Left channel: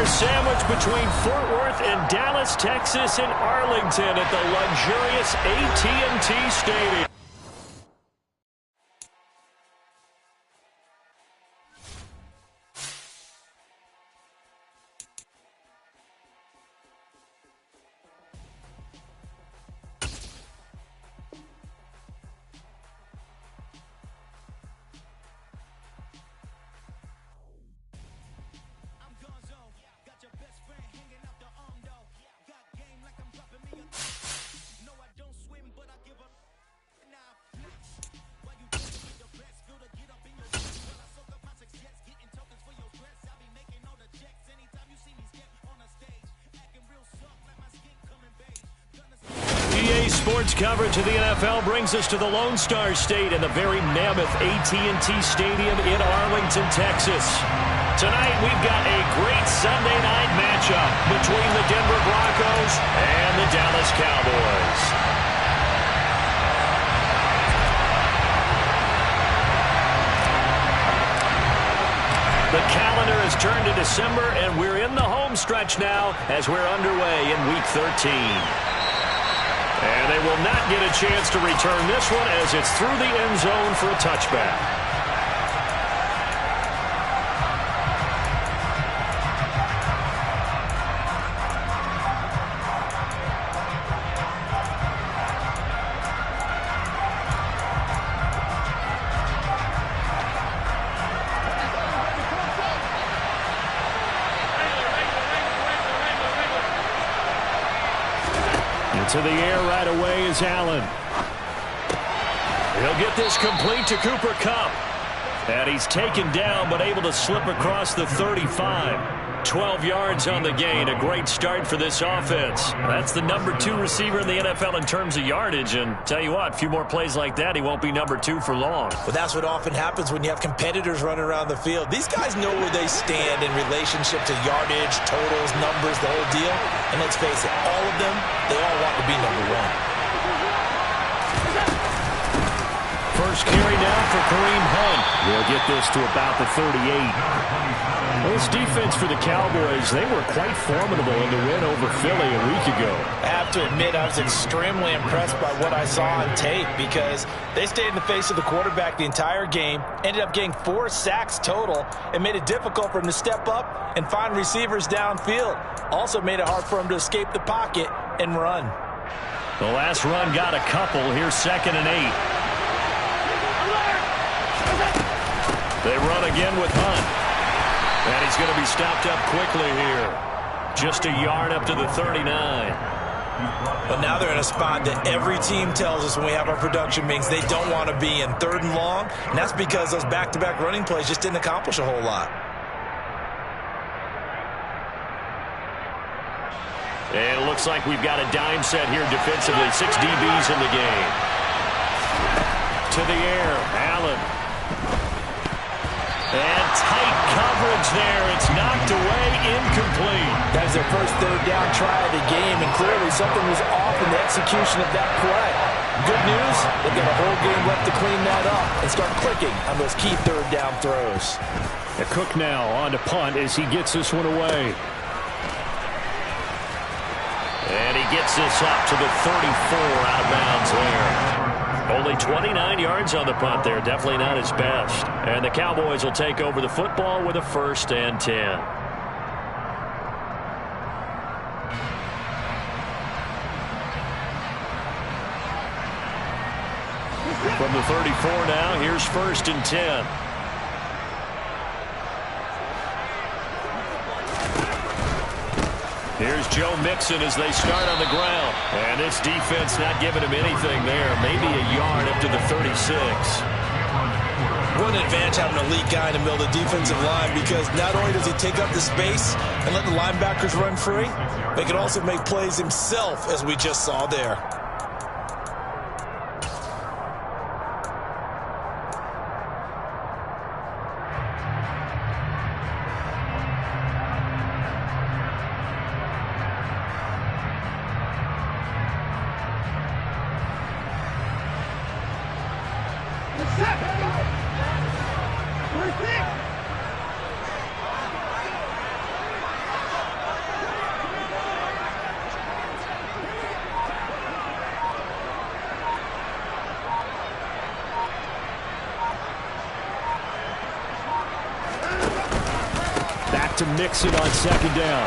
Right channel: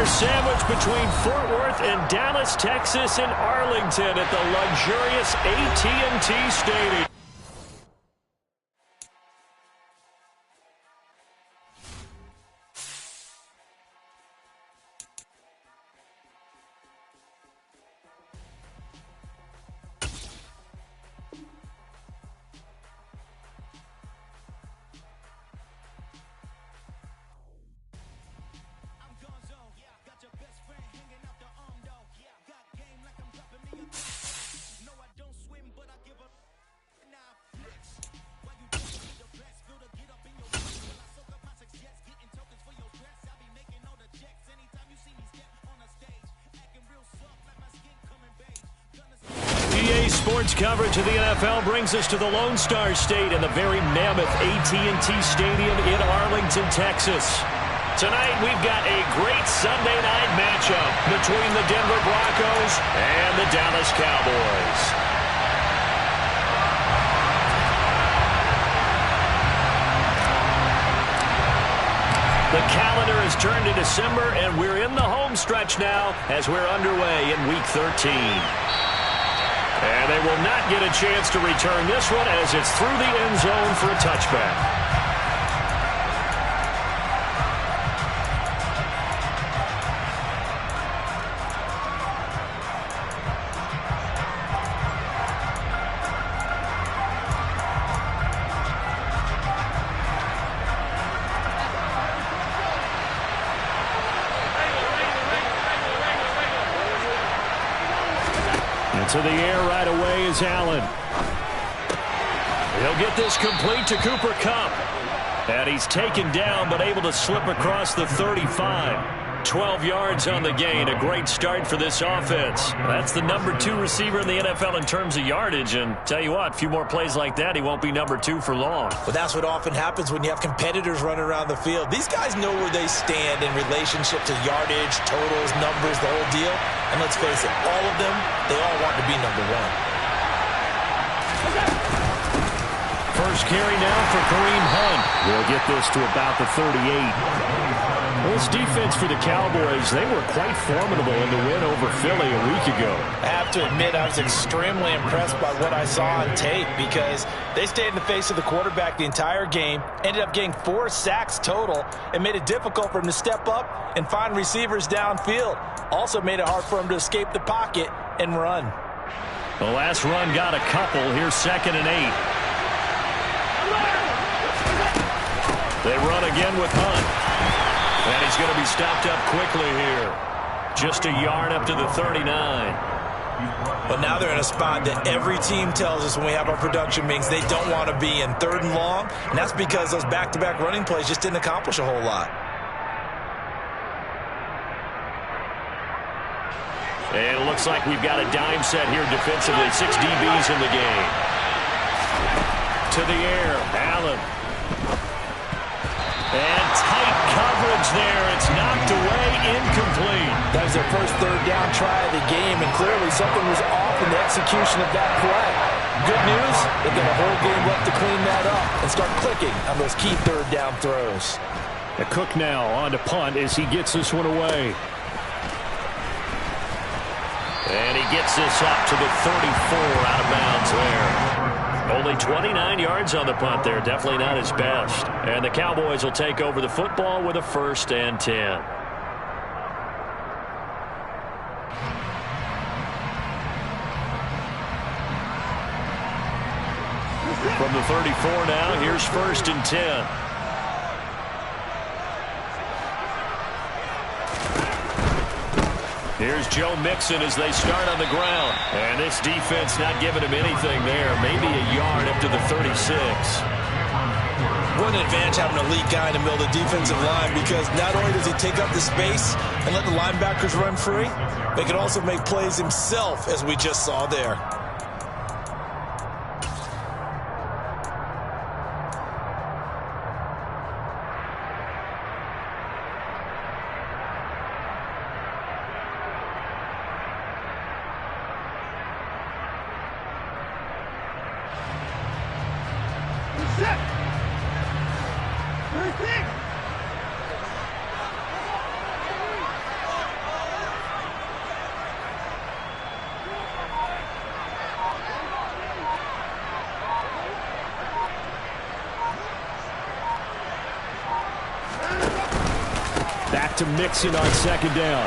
Our sandwich between Fort Worth and Dallas, Texas, and Arlington at the luxurious AT&T Stadium. Sports coverage of the NFL brings us to the Lone Star State and the very mammoth AT&T Stadium in Arlington, Texas. Tonight, we've got a great Sunday night matchup between the Denver Broncos and the Dallas Cowboys. The calendar has turned to December, and we're in the home stretch now as we're underway in Week 13. And they will not get a chance to return this one as it's through the end zone for a touchback. To the air right away is Allen. He'll get this complete to Cooper Kupp. And he's taken down but able to slip across the 35. 12 yards on the gain. A great start for this offense. That's the number 2 receiver in the NFL in terms of yardage. And tell you what, a few more plays like that, he won't be number 2 for long. Well, that's what often happens when you have competitors running around the field. These guys know where they stand in relationship to yardage, totals, numbers, the whole deal. And let's face it, all of them, they all want to be number 1. First carry now for Kareem Hunt. He'll get this to about the 38. Well, this defense for the Cowboys, they were quite formidable in the win over Philly a week ago. I have to admit, I was extremely impressed by what I saw on tape because they stayed in the face of the quarterback the entire game, ended up getting 4 sacks total, and made it difficult for him to step up and find receivers downfield. Also made it hard for him to escape the pocket and run. The last run got a couple. Here's 2nd and 8. They run again with Hunt. And he's going to be stopped up quickly here. Just a yard up to the 39. But now they're in a spot that every team tells us when we have our production meetings they don't want to be in, 3rd and long. And that's because those back-to-back running plays just didn't accomplish a whole lot. And it looks like we've got a dime set here defensively. 6 DBs in the game. To the air, Allen. And tight coverage there. It's knocked away, incomplete. That was their first 3rd down try of the game, and clearly something was off in the execution of that play. Good news, they've got a whole game left to clean that up and start clicking on those key 3rd down throws. A Cook now on to punt as he gets this one away. And he gets this up to the 34 out of bounds there. Only 29 yards on the punt there. Definitely not his best. And the Cowboys will take over the football with a 1st and 10. From the 34 now, here's 1st and 10. Here's Joe Mixon as they start on the ground. And this defense not giving him anything there. Maybe a yard up to the 36. What an advantage having an elite guy in the middle of the defensive line, because not only does he take up the space and let the linebackers run free, but he can also make plays himself, as we just saw there. to mix it on second down.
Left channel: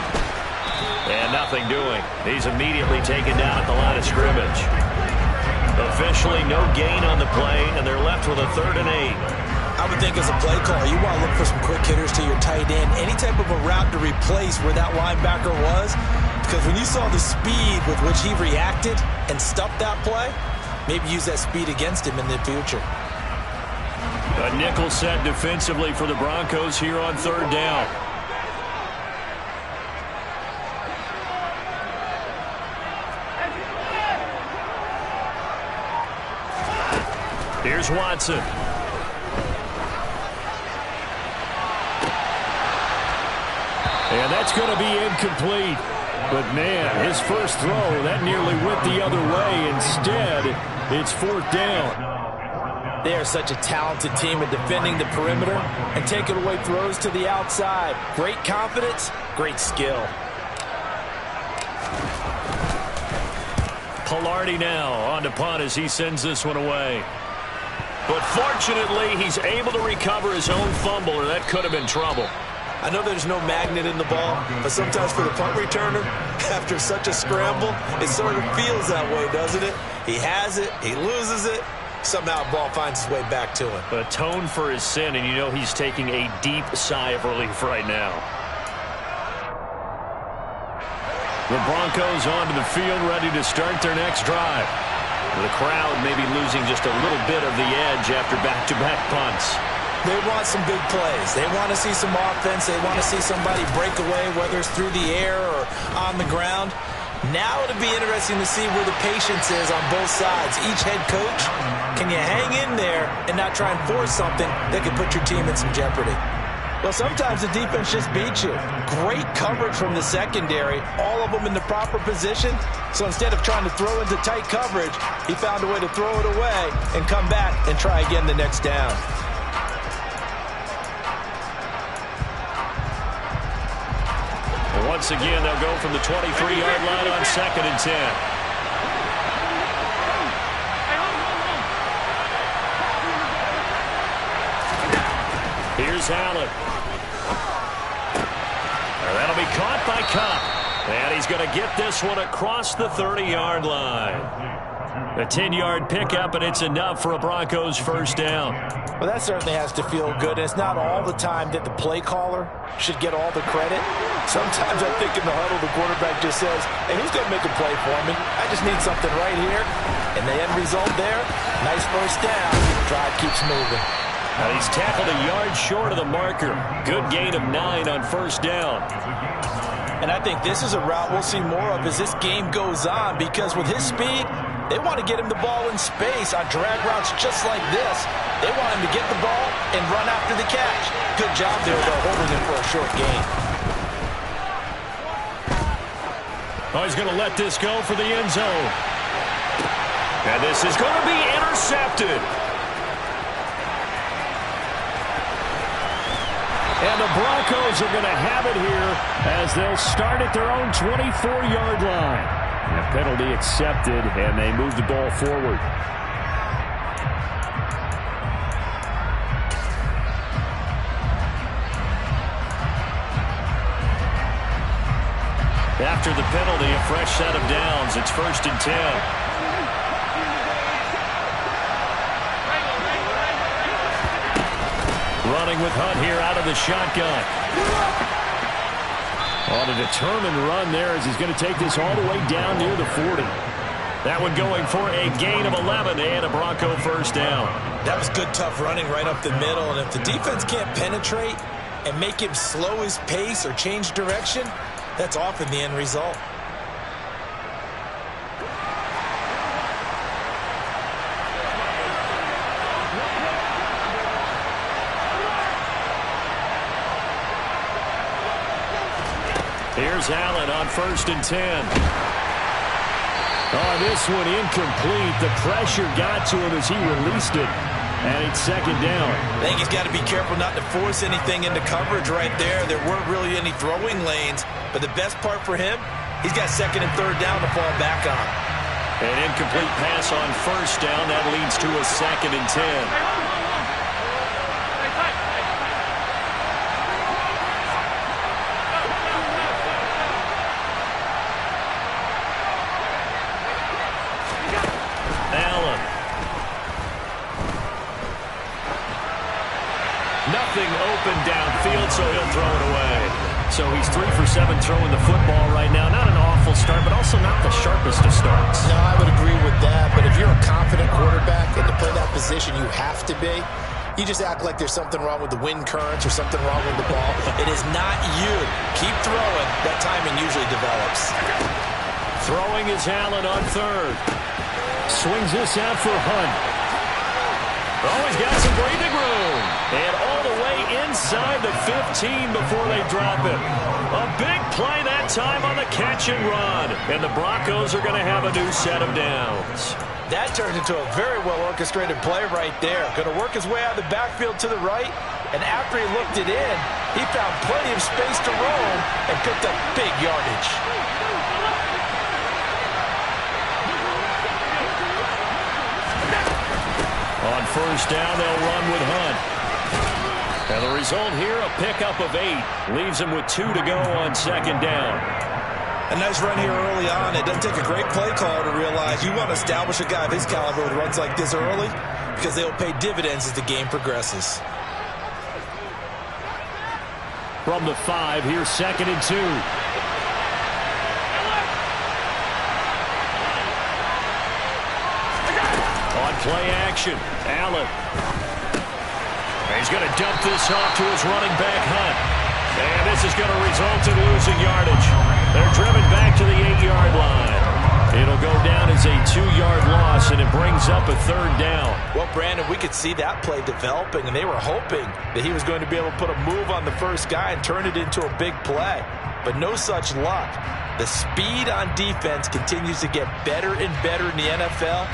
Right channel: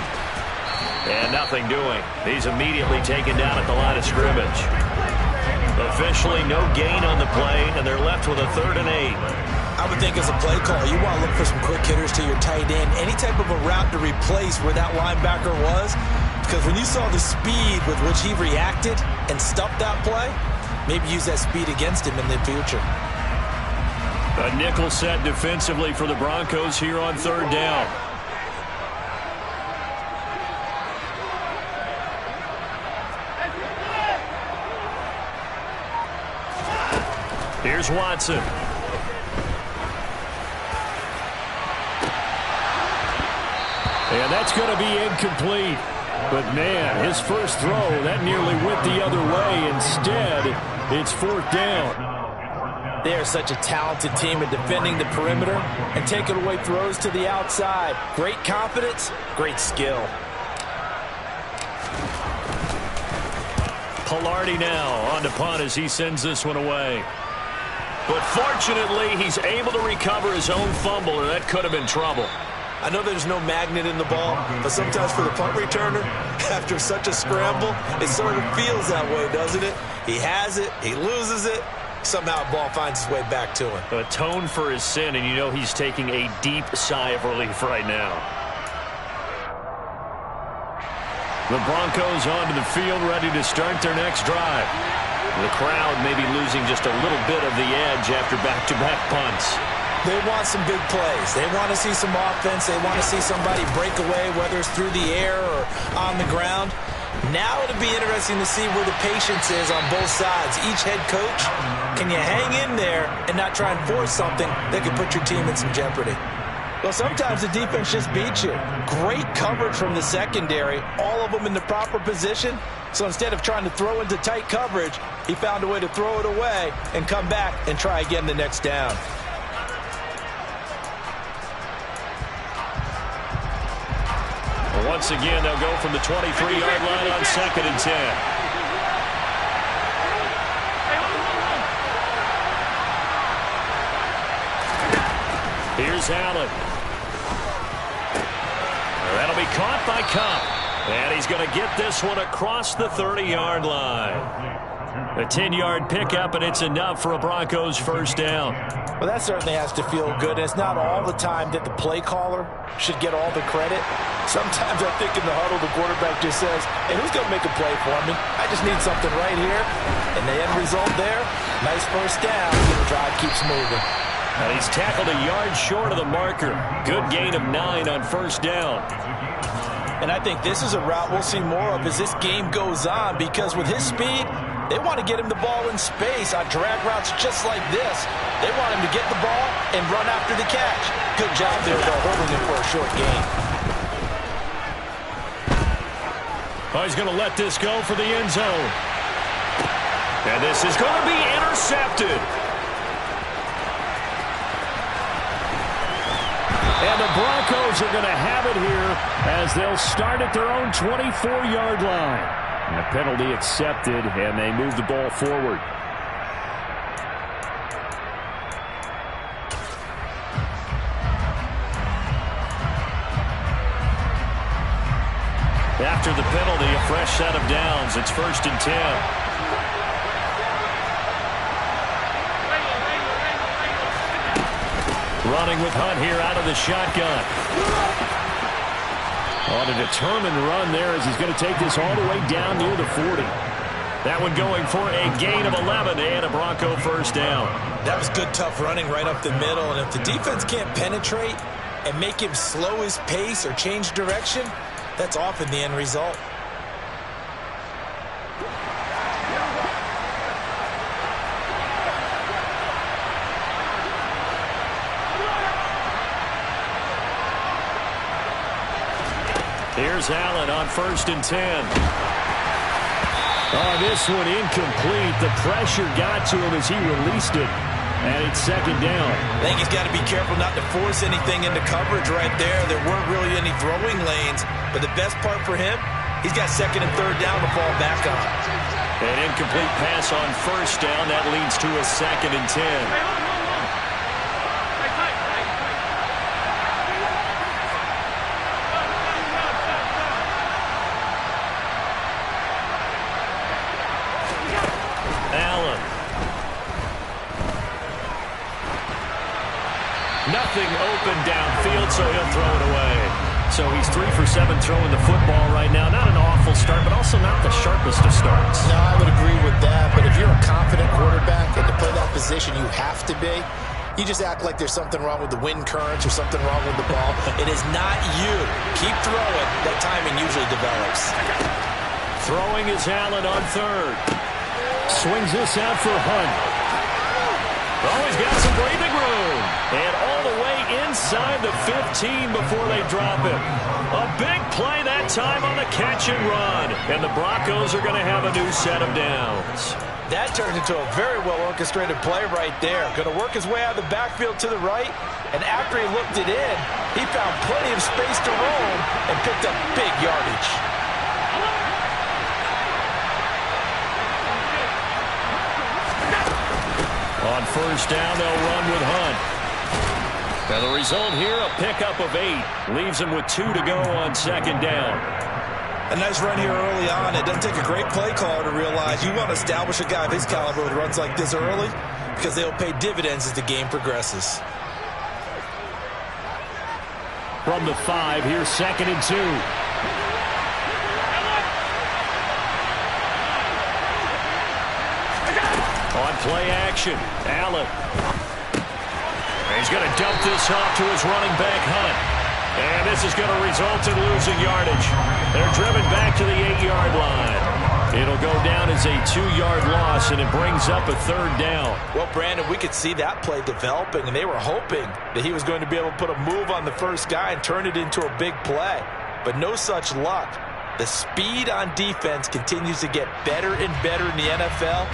And nothing doing. He's immediately taken down at the line of scrimmage. Officially no gain on the play, and they're left with a 3rd and 8. I would think as a play caller, you want to look for some quick hitters to your tight end. Any type of a route to replace where that linebacker was. Because when you saw the speed with which he reacted and stuffed that play, maybe use that speed against him in the future. A nickel set defensively for the Broncos here on 3rd down. Here's Watson. And that's going to be incomplete. But, man, his first throw, that nearly went the other way. Instead, it's 4th down. They are such a talented team at defending the perimeter and taking away throws to the outside. Great confidence, great skill. Pilardi now on to punt as he sends this one away. But fortunately, he's able to recover his own fumble, or that could have been trouble. I know there's no magnet in the ball, but sometimes for the punt returner, after such a scramble, it sort of feels that way, doesn't it? He has it, he loses it, somehow the ball finds its way back to him. Atone for his sin, and you know he's taking a deep sigh of relief right now. The Broncos onto the field, ready to start their next drive. The crowd may be losing just a little bit of the edge after back-to-back punts. They want some big plays. They want to see some offense. They want to see somebody break away, whether it's through the air or on the ground. Now it'll be interesting to see where the patience is on both sides. Each head coach, can you hang in there and not try and force something that could put your team in some jeopardy? Well, sometimes the defense just beats you. Great coverage from the secondary, all of them in the proper position. So instead of trying to throw into tight coverage, he found a way to throw it away and come back and try again the next down. Once again, they'll go from the 23-yard line on 2nd and 10. Here's Allen. That'll be caught by Cup. And he's going to get this one across the 30-yard line. A 10-yard pickup, and it's enough for a Broncos 1st down. Well, that certainly has to feel good. It's not all the time that the play caller should get all the credit. Sometimes I think in the huddle, the quarterback just says, hey, who's going to make a play for me? I just need something right here. And the end result there, nice 1st down. The drive keeps moving. And he's tackled a yard short of the marker. Good gain of 9 on 1st down. And I think this is a route we'll see more of as this game goes on, because with his speed, they want to get him the ball in space on drag routes just like this. They want him to get the ball and run after the catch. Good job there, though, holding him for a short gain. Oh, he's going to let this go for the end zone. And this is going to be intercepted. And the Broncos are going to have it here as they'll start at their own 24-yard line. And a penalty accepted, and they move the ball forward. After the penalty, a fresh set of downs. It's 1st and 10. Running with Hunt here out of the shotgun. On a determined run there as he's going to take this all the way down near the 40. That one going for a gain of 11 and a Bronco 1st down. That was good, tough running right up the middle. And if the defense can't penetrate and make him slow his pace or change direction, that's often the end result. Here's Allen on 1st and 10. Oh, this one incomplete. The pressure got to him as he released it. And it's 2nd down. I think he's got to be careful not to force anything into coverage right there. There weren't really any throwing lanes. But the best part for him, he's got 2nd and 3rd down to fall back on. An incomplete pass on 1st down. That leads to a 2nd and 10. Nothing open downfield, so he'll throw it away. So he's 3 for 7 throwing the football right now. Not an awful start, but also not the sharpest of starts. No, I would agree with that. But if you're a confident quarterback and to play that position you have to be, you just act like there's something wrong with the wind currents or something wrong with the ball. It is not you. Keep throwing. That timing usually develops. Throwing is Allen on third. Swings this out for Hunt. Oh, he's got some breathing room. And all the way inside the 15 before they drop him. A big play that time on the catch and run. And the Broncos are going to have a new set of downs. That turned into a very well-orchestrated play right there. Going to work his way out of the backfield to the right. And after he looked it in, he found plenty of space to roam and picked up big yardage. On first down, they'll run with Hunt. And the result here, a pickup of 8. Leaves him with 2 to go on second down. A nice run here early on. It doesn't take a great play caller to realize you want to establish a guy of his caliber with runs like this early because they'll pay dividends as the game progresses. From the 5, here's 2nd and 2. On play action, Allen. He's going to dump this off to his running back, Hunt. And this is going to result in losing yardage. They're driven back to the 8-yard line. It'll go down as a 2-yard loss, and it brings up a third down. Well, Brandon, we could see that play developing, and they were hoping that he was going to be able to put a move on the first guy and turn it into a big play. But no such luck. The speed on defense continues to get better and better in the NFL.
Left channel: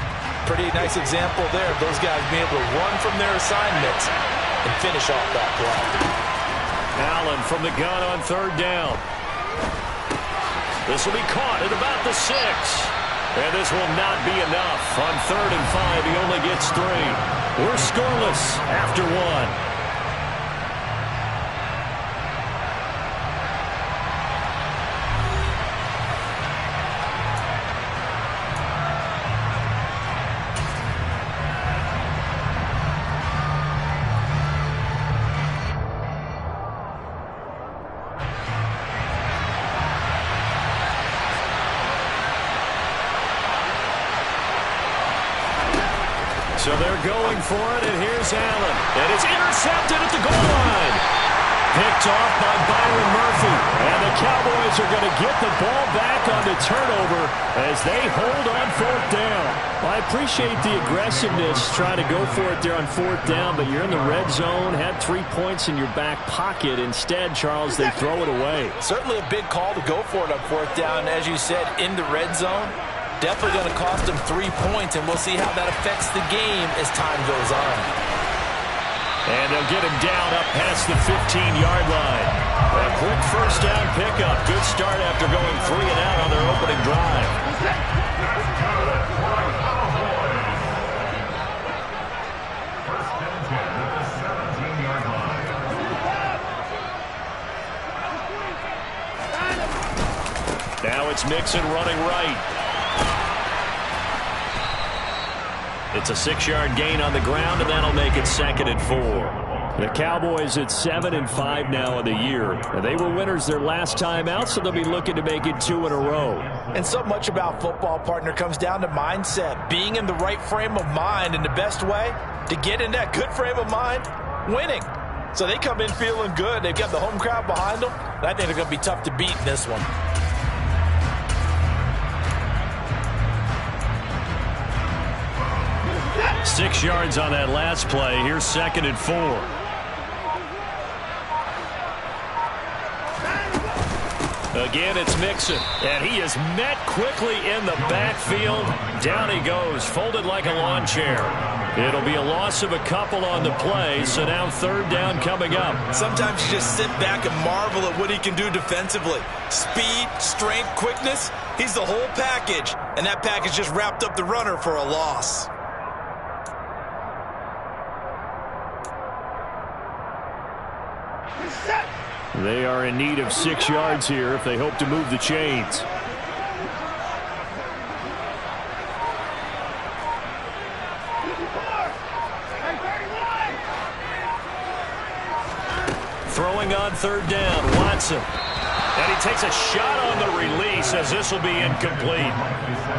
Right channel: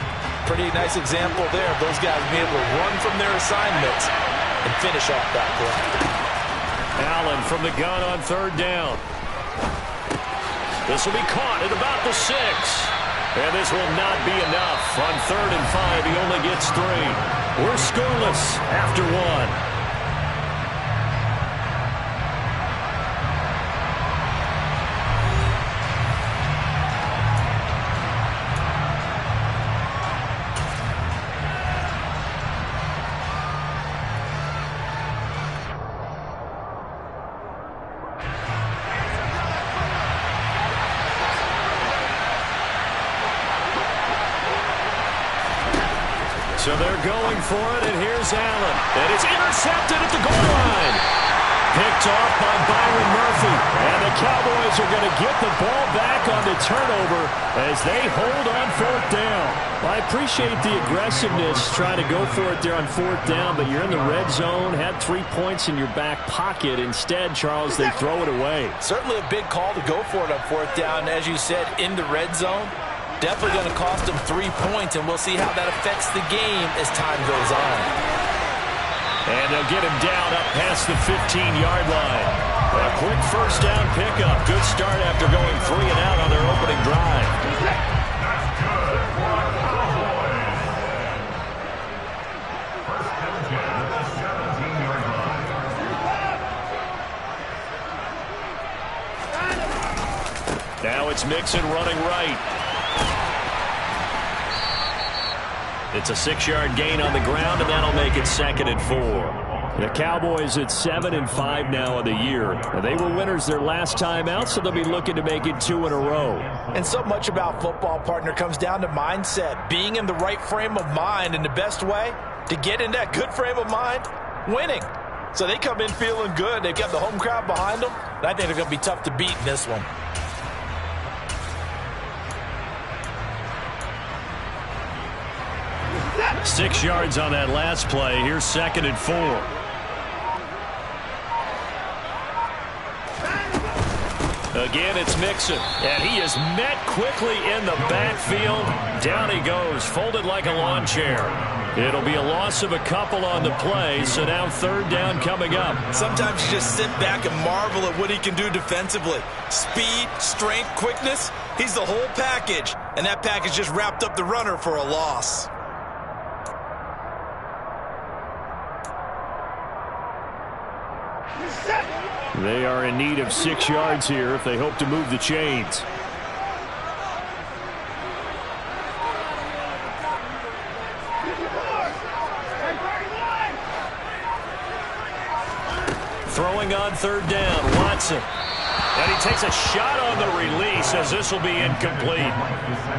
Pretty nice example there of those guys being able to run from their assignments and finish off that play. Allen from the gun on third down. This will be caught at about the 6. And this will not be enough. On 3rd and 5, he only gets 3. We're scoreless after 1. So they're going for it, and here's Allen. And it's intercepted at the goal line. Picked off by Byron Murphy. And the Cowboys are going to get the ball back on the turnover as they hold on 4th down. Well, I appreciate the aggressiveness trying to go for it there on 4th down, but you're in the red zone, had 3 points in your back pocket. Instead, Charles, they throw it away. Certainly a big call to go for it on 4th down, as you said, in the red zone. Definitely going to cost them 3 points, and we'll see how that affects the game as time goes on. And they'll get him down up past the 15-yard line. A quick first down pickup. Good start after going 3 and out on their opening drive. That's good for the Cowboys. First and 10 at the 17-yard line. Now it's Mixon running right. It's a 6-yard gain on the ground, and that'll make it 2nd and 4. The Cowboys at 7-5 now of the year. They were winners their last time out, so they'll be looking to make it 2 in a row. And so much about football, partner, comes down to mindset. Being in the right frame of mind, and the best way to get in that good frame of mind, winning. So they come in feeling good. They've got the home crowd behind them. And I think they're going to be tough to beat in this one. Six yards on that last play. Here's 2nd and 4. Again, it's Mixon, and he is met quickly in the backfield. Down he goes, folded like a lawn chair. It'll be a loss of a couple on the play, so now 3rd down coming up. Sometimes you just sit back and marvel at what he can do defensively. Speed, strength, quickness, he's the whole package, and that package just wrapped up the runner for a loss. They are in need of 6 yards here if they hope to move the chains. Throwing on third down, Watson. And he takes a shot on the release as this will be incomplete.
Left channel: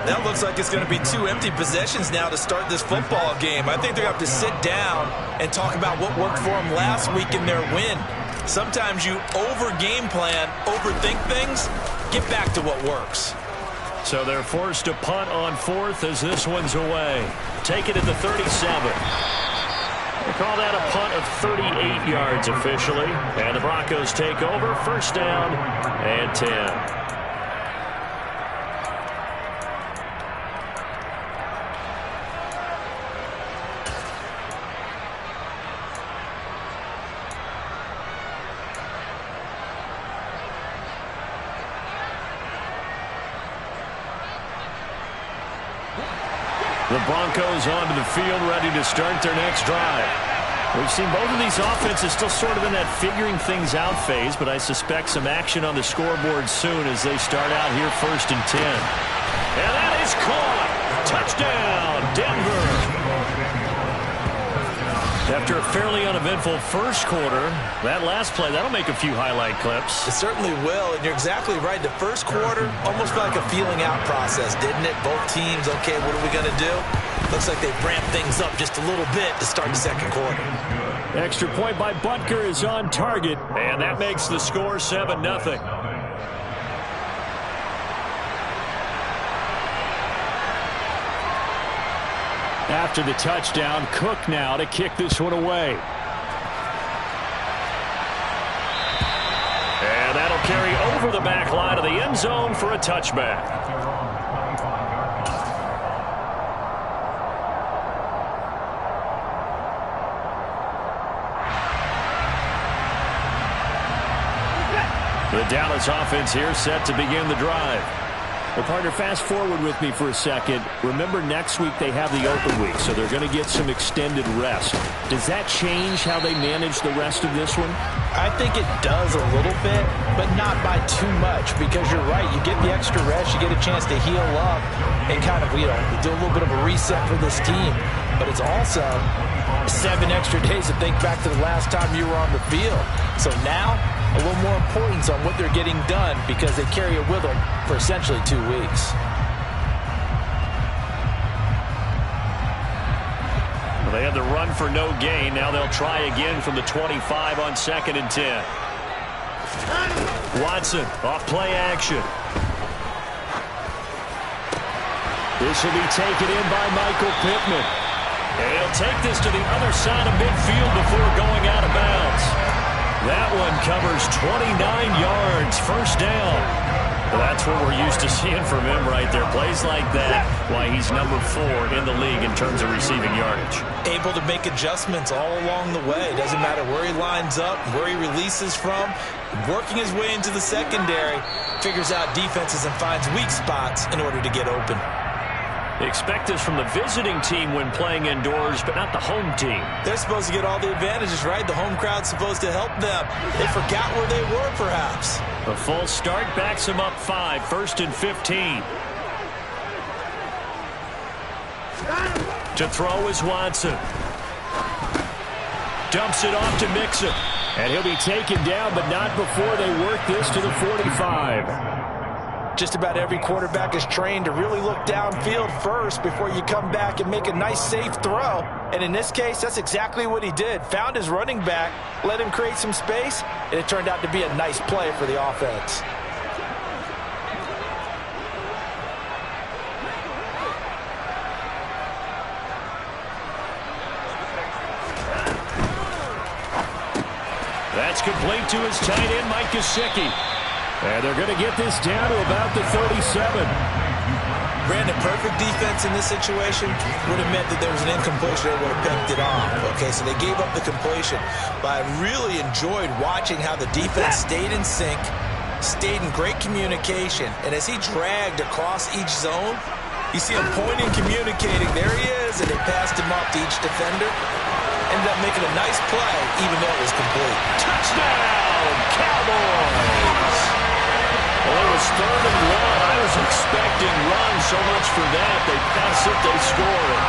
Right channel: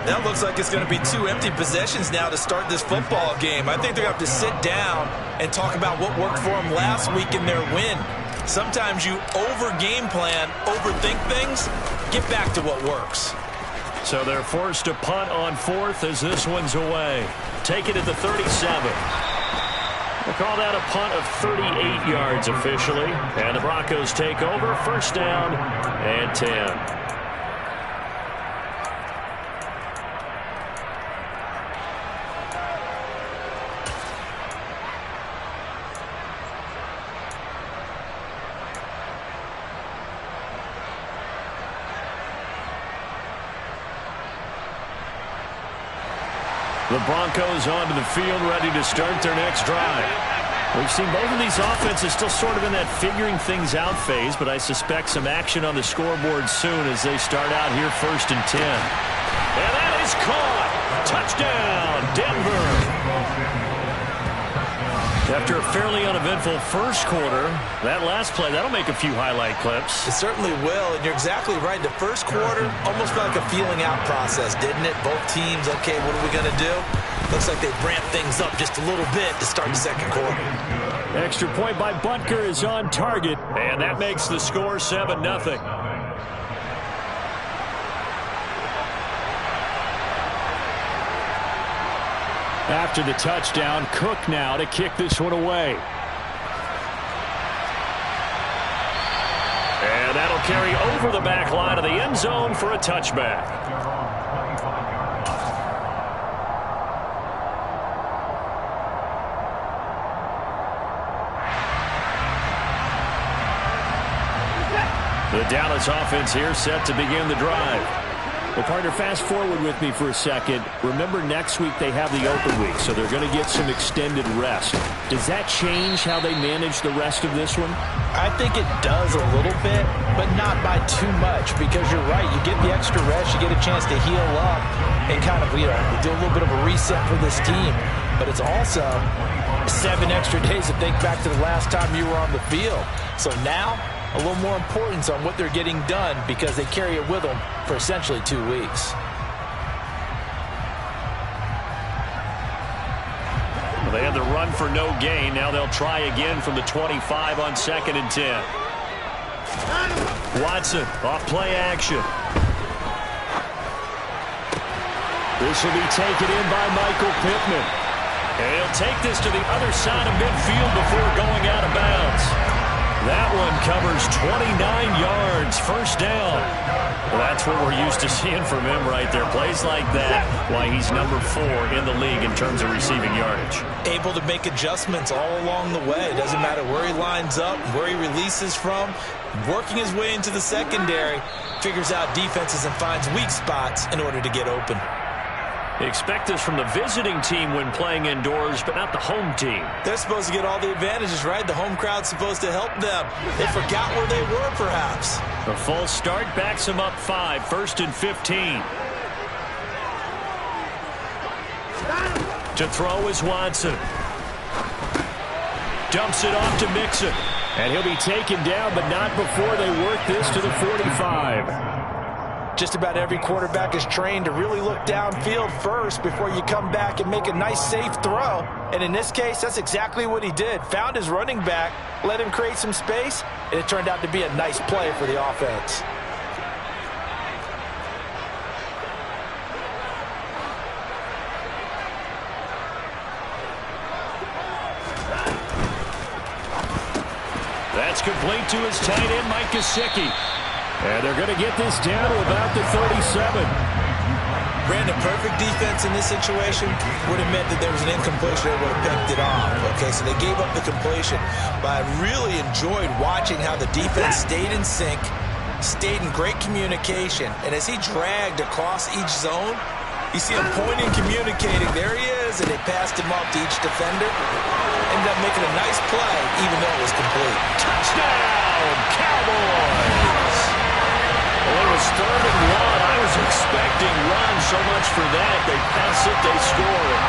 That looks like it's going to be 2 empty possessions now to start this football game. I think they're going to have to sit down and talk about what worked for them last week in their win. Sometimes you over-game plan, overthink things, get back to what works. So they're forced to punt on 4th as this one's away. Take it at the 37. We'll call that a punt of 38 yards officially. And the Broncos take over. First down and 10. The Broncos onto the field, ready to start their next drive. We've seen both of these offenses still sort of in that figuring things out phase, but I suspect some action on the scoreboard soon as they start out here 1st and 10. And that is caught. Touchdown, Denver. After a fairly uneventful first quarter, that last play, that'll make a few highlight clips. It certainly will, and you're exactly right. The first quarter almost felt like a feeling out process, didn't it? Both teams, okay, what are we going to do? Looks like they've ramped things up just a little bit to start the second quarter. Extra point by Butker is on target, and that makes the score 7-0. After the touchdown, Cook now to kick this one away. And that'll carry over the back line of the end zone for a touchback. The Dallas offense here set to begin the drive. Well, partner, fast forward with me for a second. Remember, next week they have the open week, so they're going to get some extended rest. Does that change how they manage the rest of this one? I think it does a little bit, but not by too much, because you're right. You get the extra rest, you get a chance to heal up and kind of, do a little bit of a reset for this team. But it's also 7 extra days to think back to the last time you were on the field. So now, a little more importance on what they're getting done because they carry it with them for essentially 2 weeks. Well, they had the run for no gain. Now they'll try again from the 25 on 2nd and 10. Watson off play action. This will be taken in by Michael Pittman. And he'll take this to the other side of midfield before going out of bounds. That one covers 29 yards, first down. Well, that's what we're used to seeing from him right there. Plays like that, why he's number 4 in the league in terms of receiving yardage. Able to make adjustments all along the way. Doesn't matter where he lines up, where he releases from. Working his way into the secondary, figures out defenses and finds weak spots in order to get open. Expect this from the visiting team when playing indoors, but not the home team. They're supposed to get all the advantages, right? The home crowd's supposed to help them. They forgot where they were, perhaps. A full start backs them up 5, 1st and 15. To throw is Watson. Dumps it off to Mixon. And he'll be taken down, but not before they work this to the 45. Just about every quarterback is trained to really look downfield first before you come back and make a nice, safe throw. And in this case, that's exactly what he did. Found his running back, let him create some space, and it turned out to be a nice play for the offense. That's complete to his tight end, Mike Gesicki. And they're going to get this down to about the 37. Brandon, perfect defense in this situation would have meant that there was an incompletion. They would have picked it off. Okay, so they gave up the completion. But I really enjoyed watching how the defense stayed in sync, stayed in great communication. And as he dragged across each zone, you see him pointing, communicating. There he is, and they passed him up to each defender. Ended up making a nice play, even though it was complete. Touchdown, Cowboys! Well, it was 3rd and 1. I was expecting run so much for that. They pass it, they score it.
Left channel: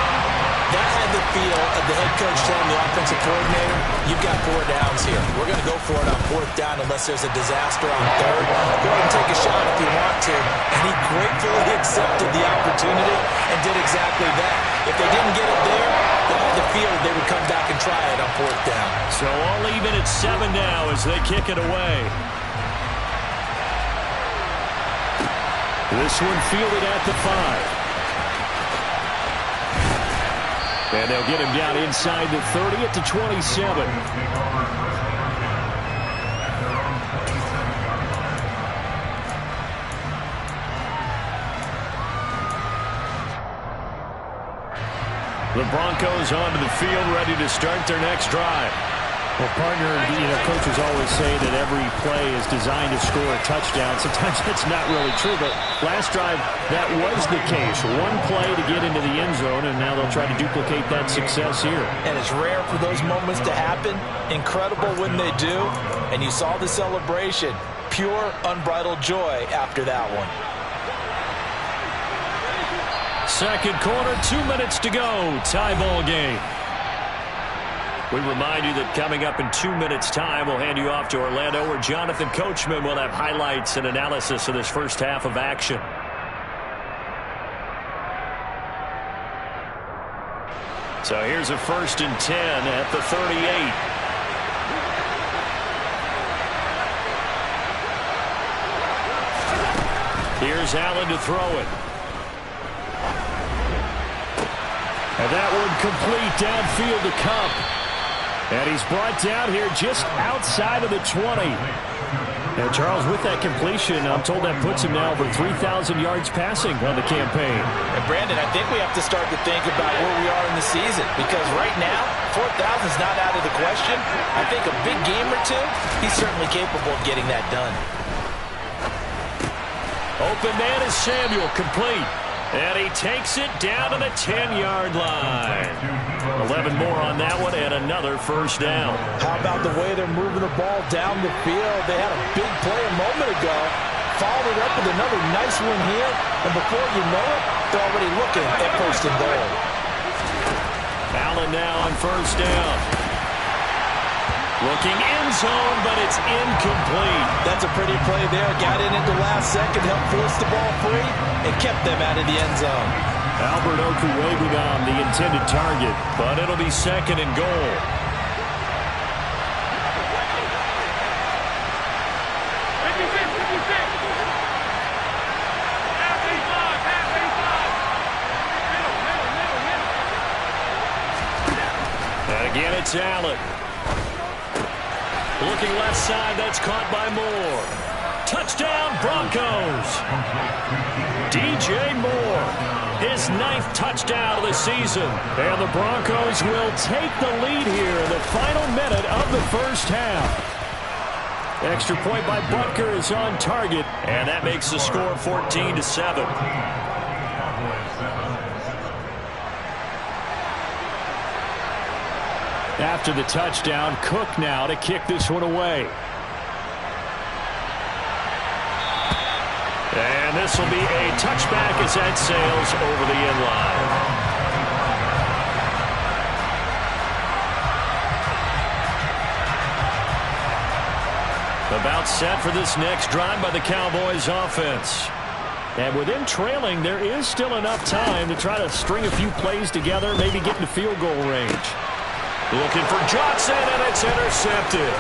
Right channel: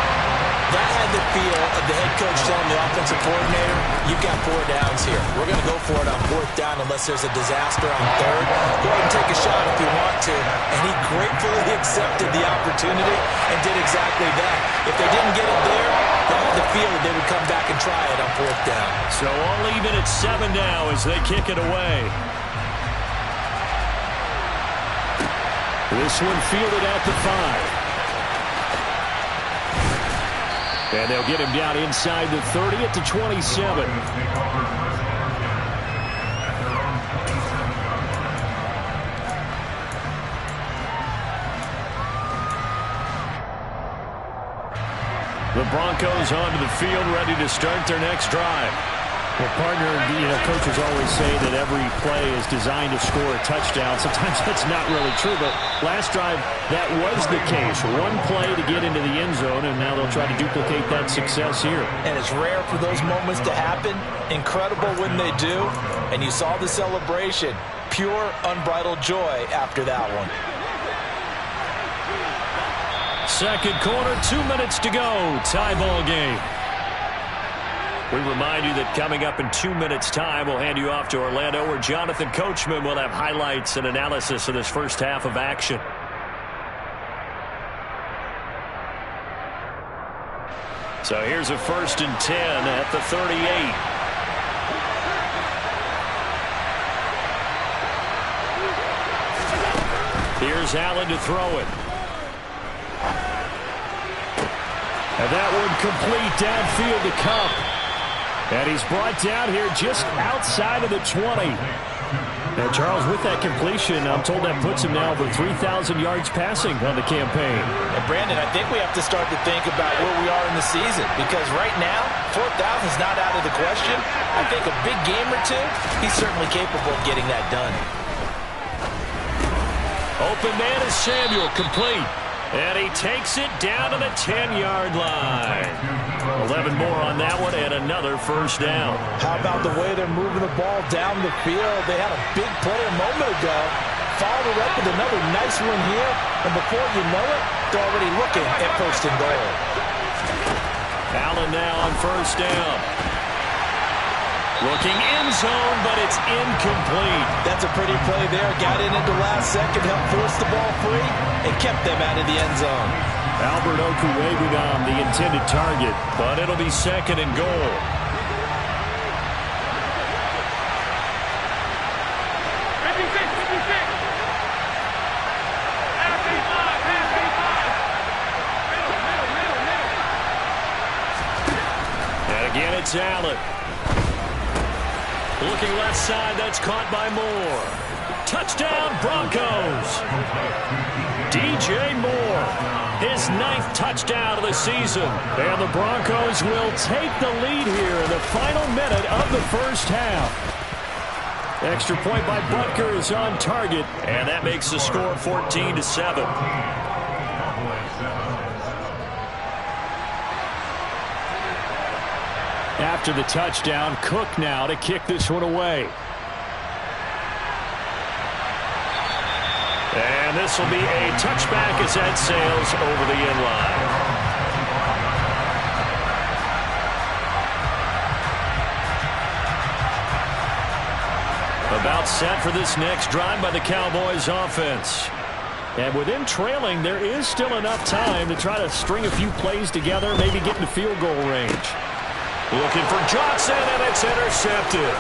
That had the feel of the head coach telling the offensive coordinator, you've got 4 downs here. We're going to go for it on 4th down unless there's a disaster on 3rd. Go ahead and take a shot if you want to. And he gratefully accepted the opportunity and did exactly that. If they didn't get it there, they had the feel that they would come back and try it on 4th down. So all even at 7 now as they kick it away. This one fielded at the 5. And they'll get him down inside the 30 at the 27. The Broncos onto the field, ready to start their next drive. Well, partner, coaches always say that every play is designed to score a touchdown. Sometimes that's not really true, but last drive, that was the case. One play to get into the end zone, and now they'll try to duplicate that success here. And it's rare for those moments to happen. Incredible when they do. And you saw the celebration. Pure, unbridled joy after that one. Second quarter, 2 minutes to go. Tie ball game. We remind you that coming up in 2 minutes' time, we'll hand you off to Orlando, where Jonathan Coachman will have highlights and analysis of this first half of action. So here's a 1st and 10 at the 38. Here's Allen to throw it. And that one complete downfield to Cup. And he's brought down here just outside of the 20. And Charles, with that completion, I'm told that puts him now over 3,000 yards passing on the campaign. And Brandon, I think we have to start to think about where we are in the season. Because right now, 4,000 is not out of the question. I think a big game or two, he's certainly capable of getting that done. Open man is Samuel, complete. And he takes it down to the 10-yard line. 11 more on that one and another first down. How about the way they're moving the ball down the field? They had a big play a moment ago. Followed it up with another nice one here. And before you know it, they're already looking at 1st and goal. Allen now on 1st down. Looking end zone, but it's incomplete. That's a pretty play there. Got in at the last second, helped force the ball free, and kept them out of the end zone. Albert Okuwegudam, the intended target, but it'll be 2nd and goal. And again, it's Allen. Looking left side, that's caught by Moore. Touchdown, Broncos. DJ Moore, his 9th touchdown of the season. And the Broncos will take the lead here in the final minute of the first half. Extra point by Butker is on target, and that makes the score 14-7. After the touchdown, Cook now to kick this one away. And this will be a touchback as that sails over the end line. About set for this next drive by the Cowboys offense. And with them trailing, there is still enough time to try to string a few plays together, maybe get into field goal range. Looking for Johnson, and it's intercepted.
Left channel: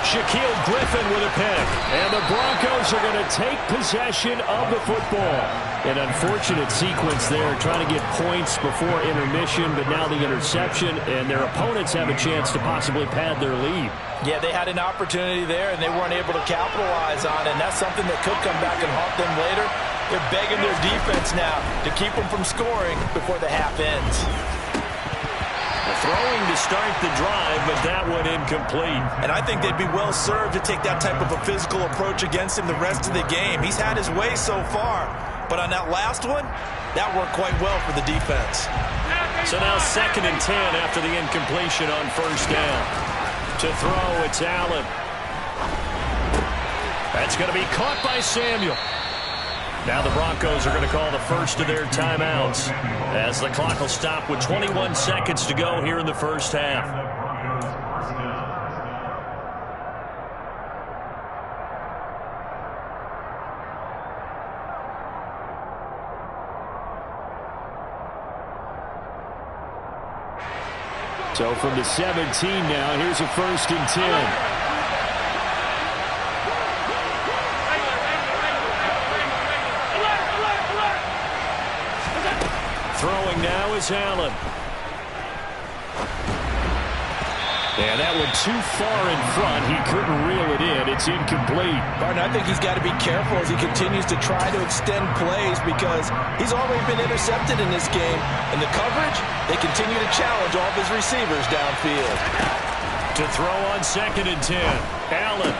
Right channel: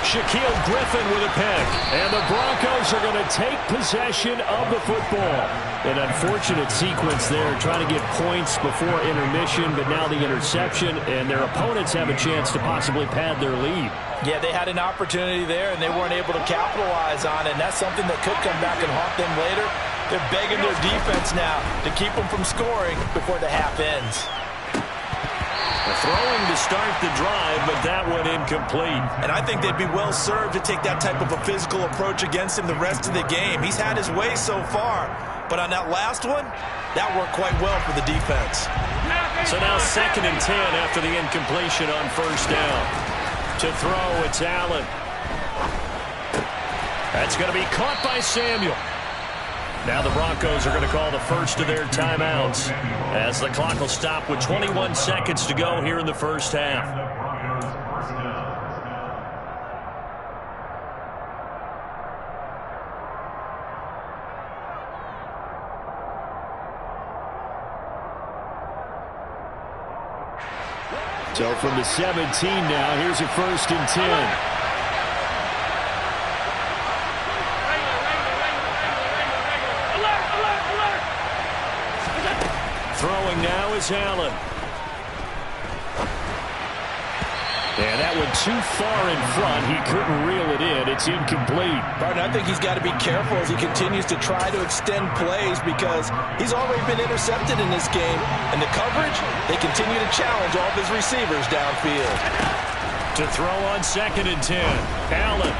Shaquille Griffin with a pick. And the Broncos are going to take possession of the football. An unfortunate sequence there, trying to get points before intermission, but now the interception, and their opponents have a chance to possibly pad their lead. Yeah, they had an opportunity there, and they weren't able to capitalize on it, and that's something that could come back and haunt them later. They're begging their defense now to keep them from scoring before the half ends. Throwing to start the drive, but that one incomplete. And I think they'd be well served to take that type of a physical approach against him the rest of the game. He's had his way so far, but on that last one, that worked quite well for the defense. So now 2nd and 10 after the incompletion on 1st down. To throw, it's Allen. That's going to be caught by Samuel. Now the Broncos are going to call the first of their timeouts as the clock will stop with 21 seconds to go here in the first half. So from the 17 now, here's a 1st and 10. Throwing now is Allen. And that went too far in front. He couldn't reel it in. It's incomplete. Barton, I think he's got to be careful as he continues to try to extend plays because he's already been intercepted in this game. And the coverage, they continue to challenge all of his receivers downfield. To throw on 2nd and 10. Allen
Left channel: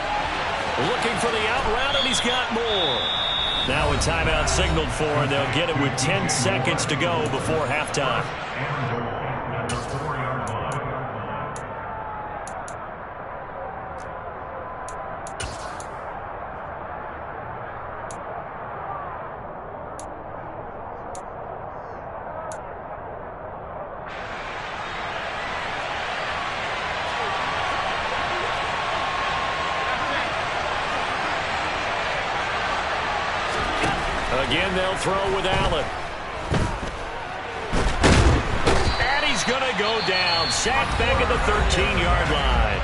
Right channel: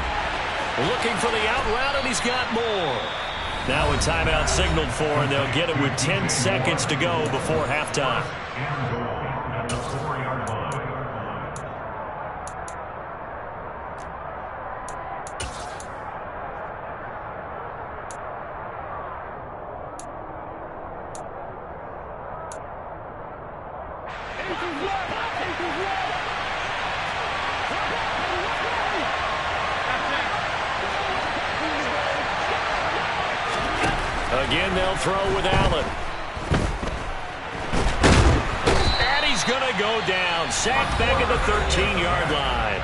looking for the out route, and he's got more. Now a timeout signaled for, and they'll get it with 10 seconds to go before halftime. Again, they'll throw with Allen. And he's going to go down. Sacked back at the 13-yard line.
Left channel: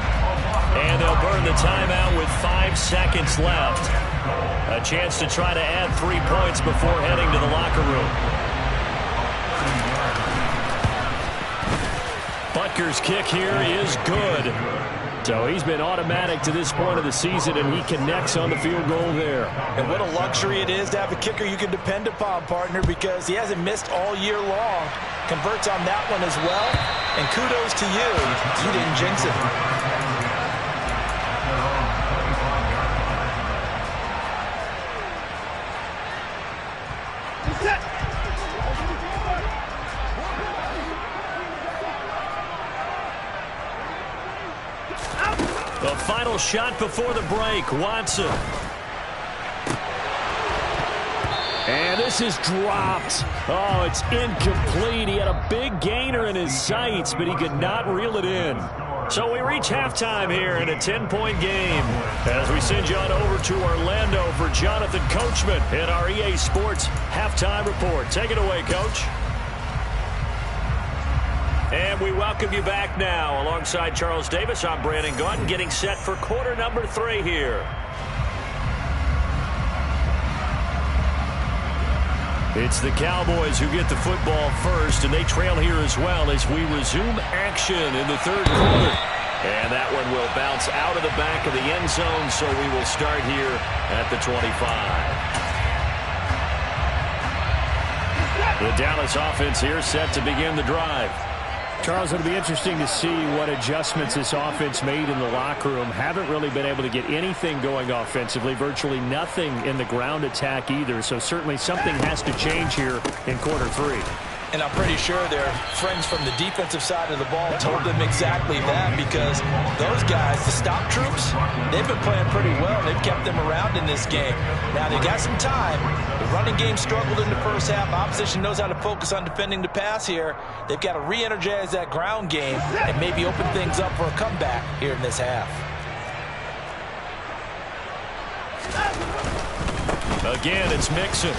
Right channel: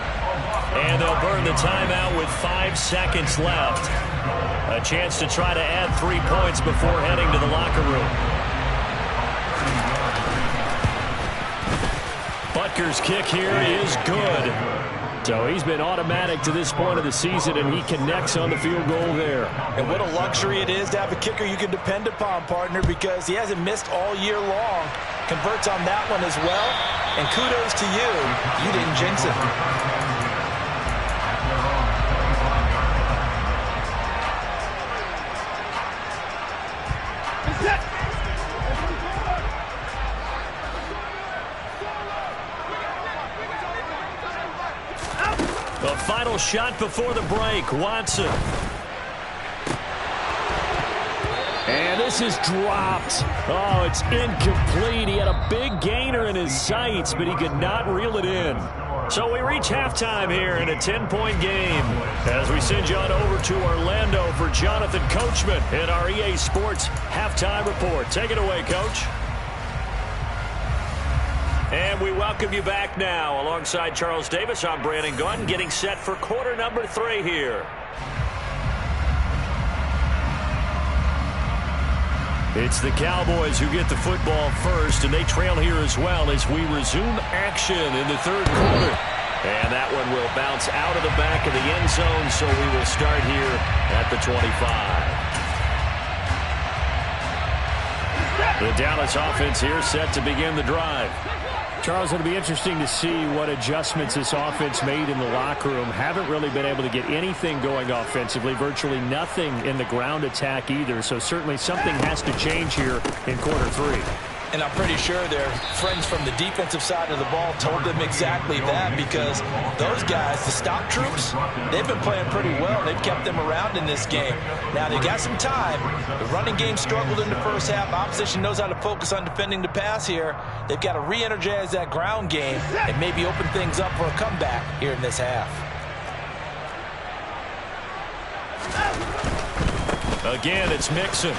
And they'll burn the timeout with 5 seconds left. A chance to try to add 3 points before heading to the locker room. Butker's kick here is good. So he's been automatic to this point of the season, and he connects on the field goal there. And what a luxury it is to have a kicker you can depend upon, partner, because he hasn't missed all year long. Converts on that one as well. And kudos to you. You didn't jinx it. The final shot before the break, Watson. And this is dropped. Oh, it's incomplete. He had a big gainer in his sights, but he could not reel it in. So we reach halftime here in a 10-point game as we send you on over to Orlando for Jonathan Coachman in our EA Sports Halftime Report. Take it away, Coach. And we welcome you back now. Alongside Charles Davis, I'm Brandon Gaudin, getting set for quarter number 3 here. It's the Cowboys who get the football first, and they trail here as well as we resume action in the 3rd quarter. And that one will bounce out of the back of the end zone, so we will start here at the 25. The Dallas offense here set to begin the drive. Charles, it'll be interesting to see what adjustments this offense made in the locker room. Haven't really been able to get anything going offensively, virtually nothing in the ground attack either. So certainly something has to change here in quarter 3. And I'm pretty sure their friends from the defensive side of the ball told them exactly that, because those guys, the stop troops, they've been playing pretty well. They've kept them around in this game. Now, they got some time. The running game struggled in the first half. Opposition knows how to focus on defending the pass here. They've got to re-energize that ground game and maybe open things up for a comeback here in this half. Again, it's Mixon.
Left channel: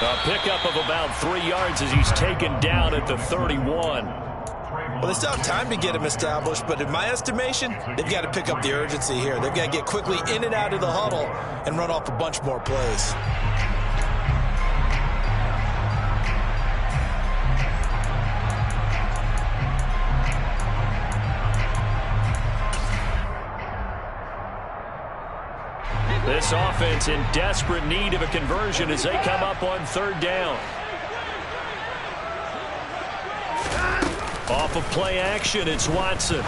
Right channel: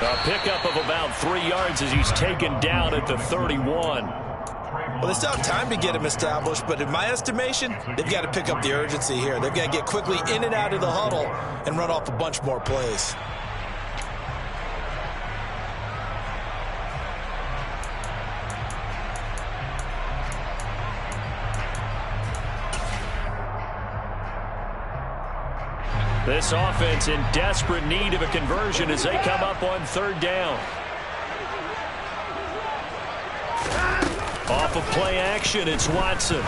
A pickup of about 3 yards as he's taken down at the 31. Well, they still have time to get him established, but in my estimation, they've got to pick up the urgency here. They've got to get quickly in and out of the huddle and run off a bunch more plays. This offense in desperate need of a conversion as they come up on 3rd down. Off of play action, it's Watson.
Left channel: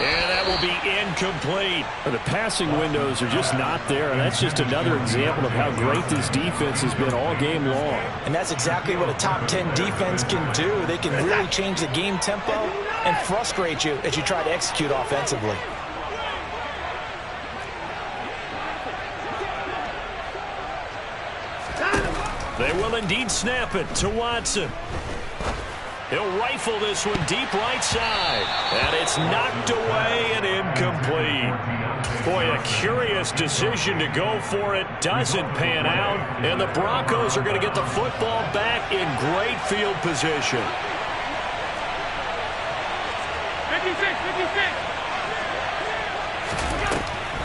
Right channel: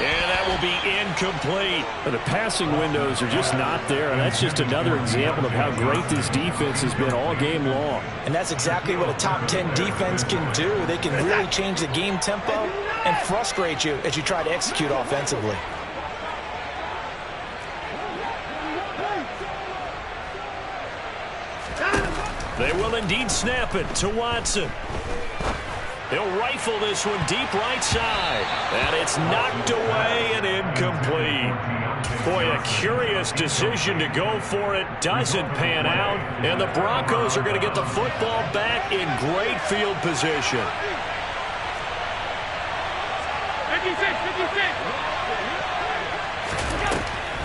And that will be incomplete. The passing windows are just not there, and that's just another example of how great this defense has been all game long. And that's exactly what a top 10 defense can do. They can really change the game tempo and frustrate you as you try to execute offensively. will indeed snap it to Watson. He'll rifle this one deep right side. And it's knocked away and incomplete. Boy, a curious decision to go for it. Doesn't pan out. And the Broncos are going to get the football back in great field position. 56.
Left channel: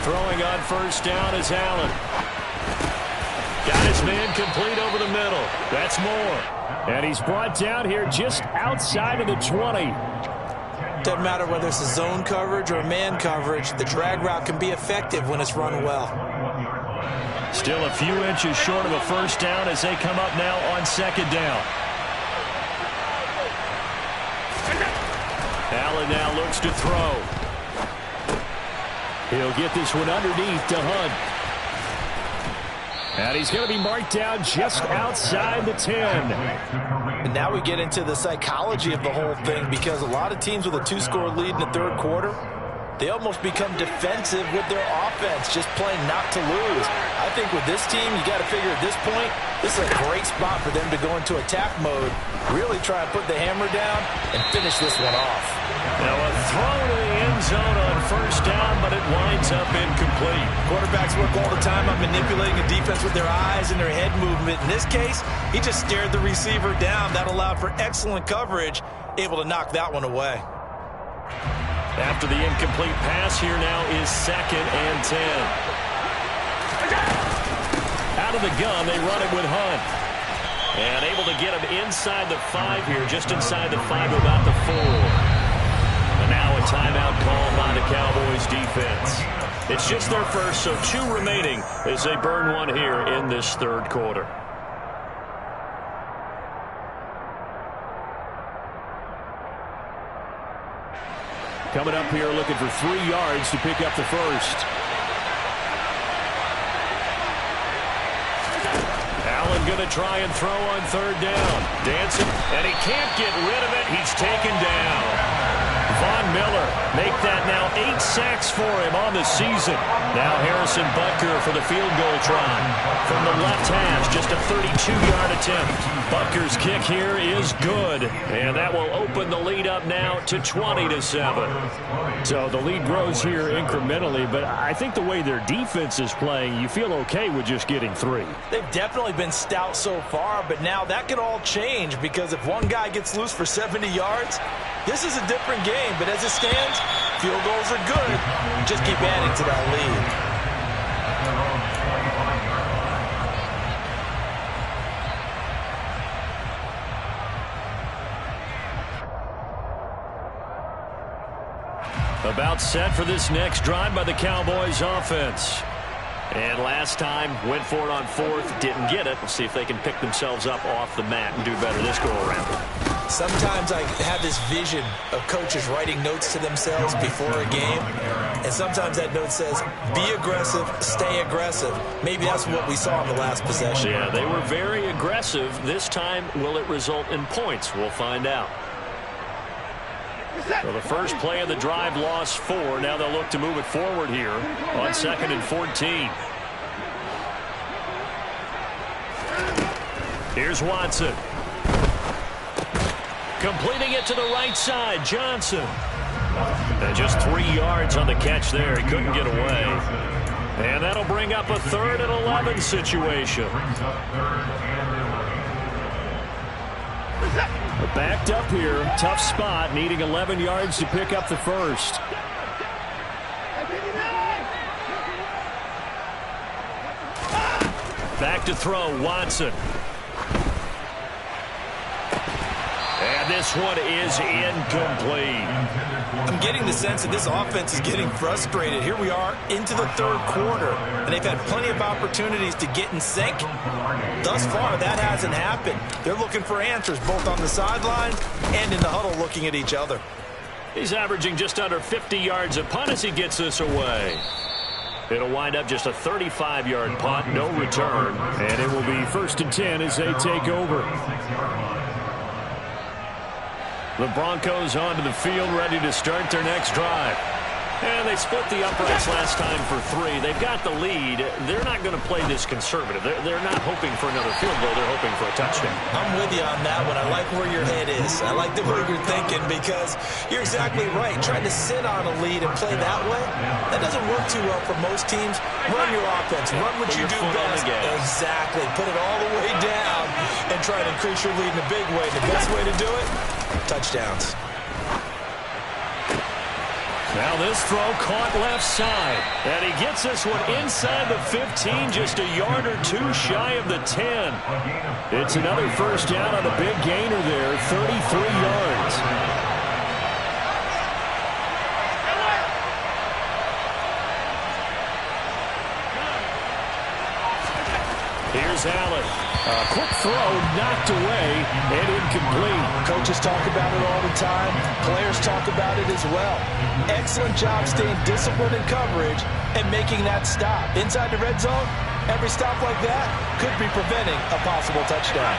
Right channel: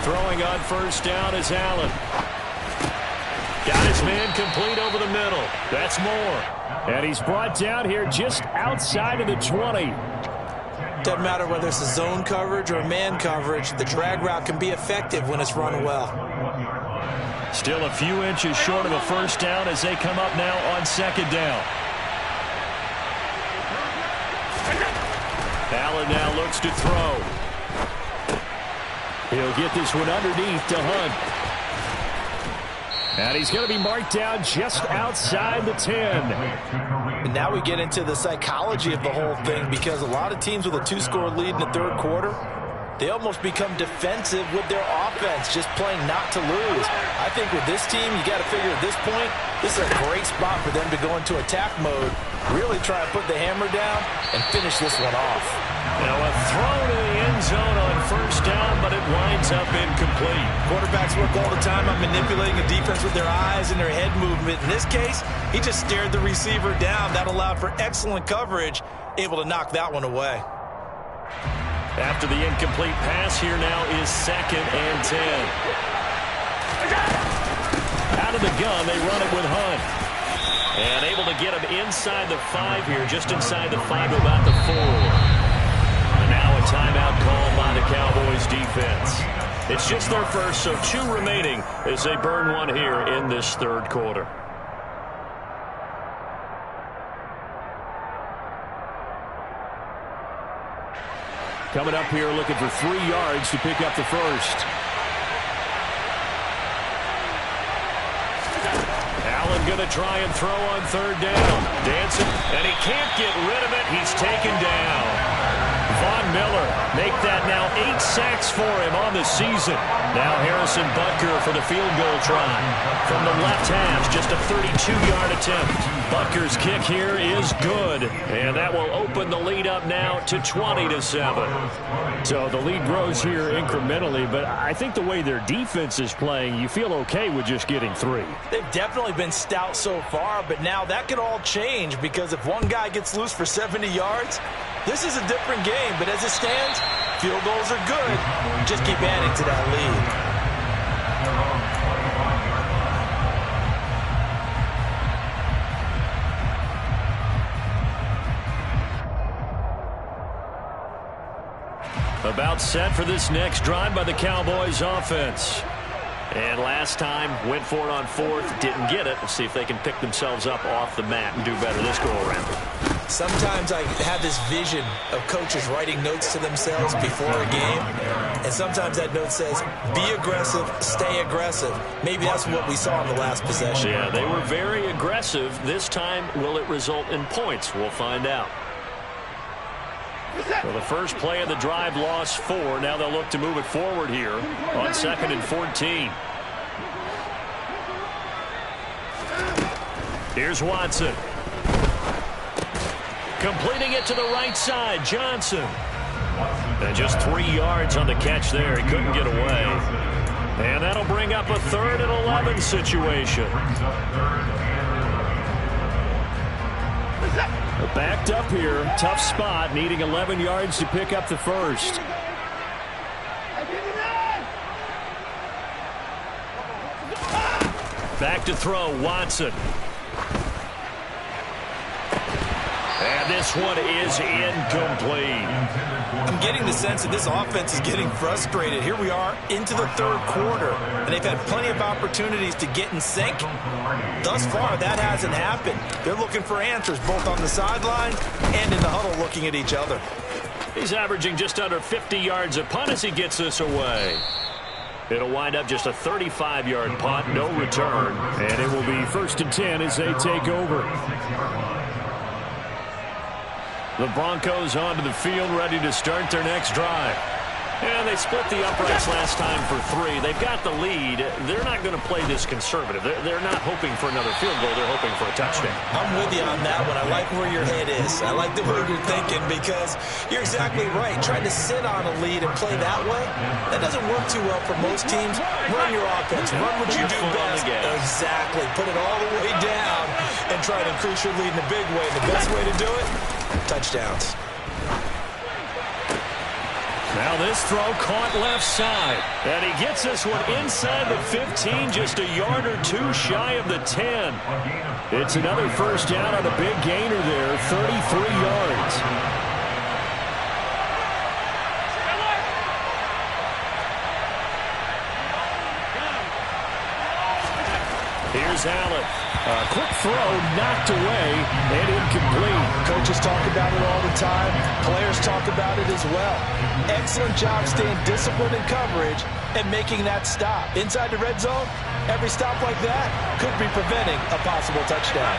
Throwing on first down is Allen. Got his man complete over the middle. That's Moore. And he's brought down here just outside of the 20. Doesn't matter whether it's a zone coverage or a man coverage. The drag route can be effective when it's run well. Still a few inches short of a first down as they come up now on second down. Allen now looks to throw. He'll get this one underneath to Hunt. And he's going to be marked down just outside the 10. And now we get into the psychology of the whole thing, because a lot of teams with a 2-score lead in the third quarter, they almost become defensive with their offense, just playing not to lose. I think with this team, you got to figure at this point, this is a great spot for them to go into attack mode, really try and put the hammer down and finish this one off. Now a throw to the end zone on first down, but it winds up incomplete. Quarterbacks work all the time on manipulating a defense with their eyes and their head movement. In this case, he just stared the receiver down. That allowed for excellent coverage, able to knock that one away. After the incomplete pass, here now is 2nd and 10. Out of the gun, they run it with Hunt. And able to get him inside the 5 here, just inside the 5 to about the 4. And now a timeout called by the Cowboys defense. It's just their first, so 2 remaining as they burn one here in this third quarter. Coming up here looking for 3 yards to pick up the first. Allen going to try and throw on third down. Dancing, and he can't get rid of it. He's taken down. Von Miller make that now 8 sacks for him on the season. Now Harrison Butker for the field goal try. From the left hash, just a 32-yard attempt. Butker's kick here is good. And that will open the lead up now to 20-7. So the lead grows here incrementally, but I think the way their defense is playing, you feel okay with just getting 3. They've definitely been stout so far, but now that could all change, because if one guy gets loose for 70 yards, this is a different game. But as it stands, field goals are good. Just keep adding to that lead. About set for this next drive by the Cowboys offense. And last time, went for it on 4th, didn't get it. We'll see if they can pick themselves up off the mat and do better this go-around. Sometimes I have this vision of coaches writing notes to themselves before a game, and sometimes that note says, be aggressive, stay aggressive. Maybe that's what we saw in the last possession. Yeah, they were very aggressive. This time, will it result in points? We'll find out. So the first play of the drive lost 4. Now they'll look to move it forward here on 2nd and 14. Here's Watson. Completing it to the right side, Johnson. And just 3 yards on the catch there. He couldn't get away. And that'll bring up a 3rd and 11 situation. Backed up here, tough spot, needing 11 yards to pick up the first. Back to throw, Watson. And this one is incomplete. I'm getting the sense that this offense is getting frustrated. Here we are into the third quarter, and they've had plenty of opportunities to get in sync. Thus far, that hasn't happened. They're looking for answers both on the sideline and in the huddle looking at each other. He's averaging just under 50 yards a punt as he gets this away. It'll wind up just a 35-yard punt, no return. And it will be 1st and 10 as they take over. The Broncos onto the field, ready to start their next drive. And they split the uprights last time for 3. They've got the lead. They're not going to play this conservative. They're not hoping for another field goal. They're hoping for a touchdown. I'm with you on that one. I like where your head is. I like the way you're thinking because you're exactly right. Trying to sit on a lead and play that way, that doesn't work too well for most teams. Run your offense. Run what you do best. Exactly. Put it all the way down and try to increase your lead in a big way. And the best way to do it, touchdowns. Now this throw caught left side. And he gets this one inside the 15, just a yard or 2 shy of the 10. It's another first down on a big gainer there, 33 yards. Here's Allen. A quick throw knocked away and incomplete. Coaches talk about it all the time. Players talk about it as well. Excellent job staying disciplined in coverage and making that stop. Inside the red zone, every stop like that could be preventing a possible touchdown.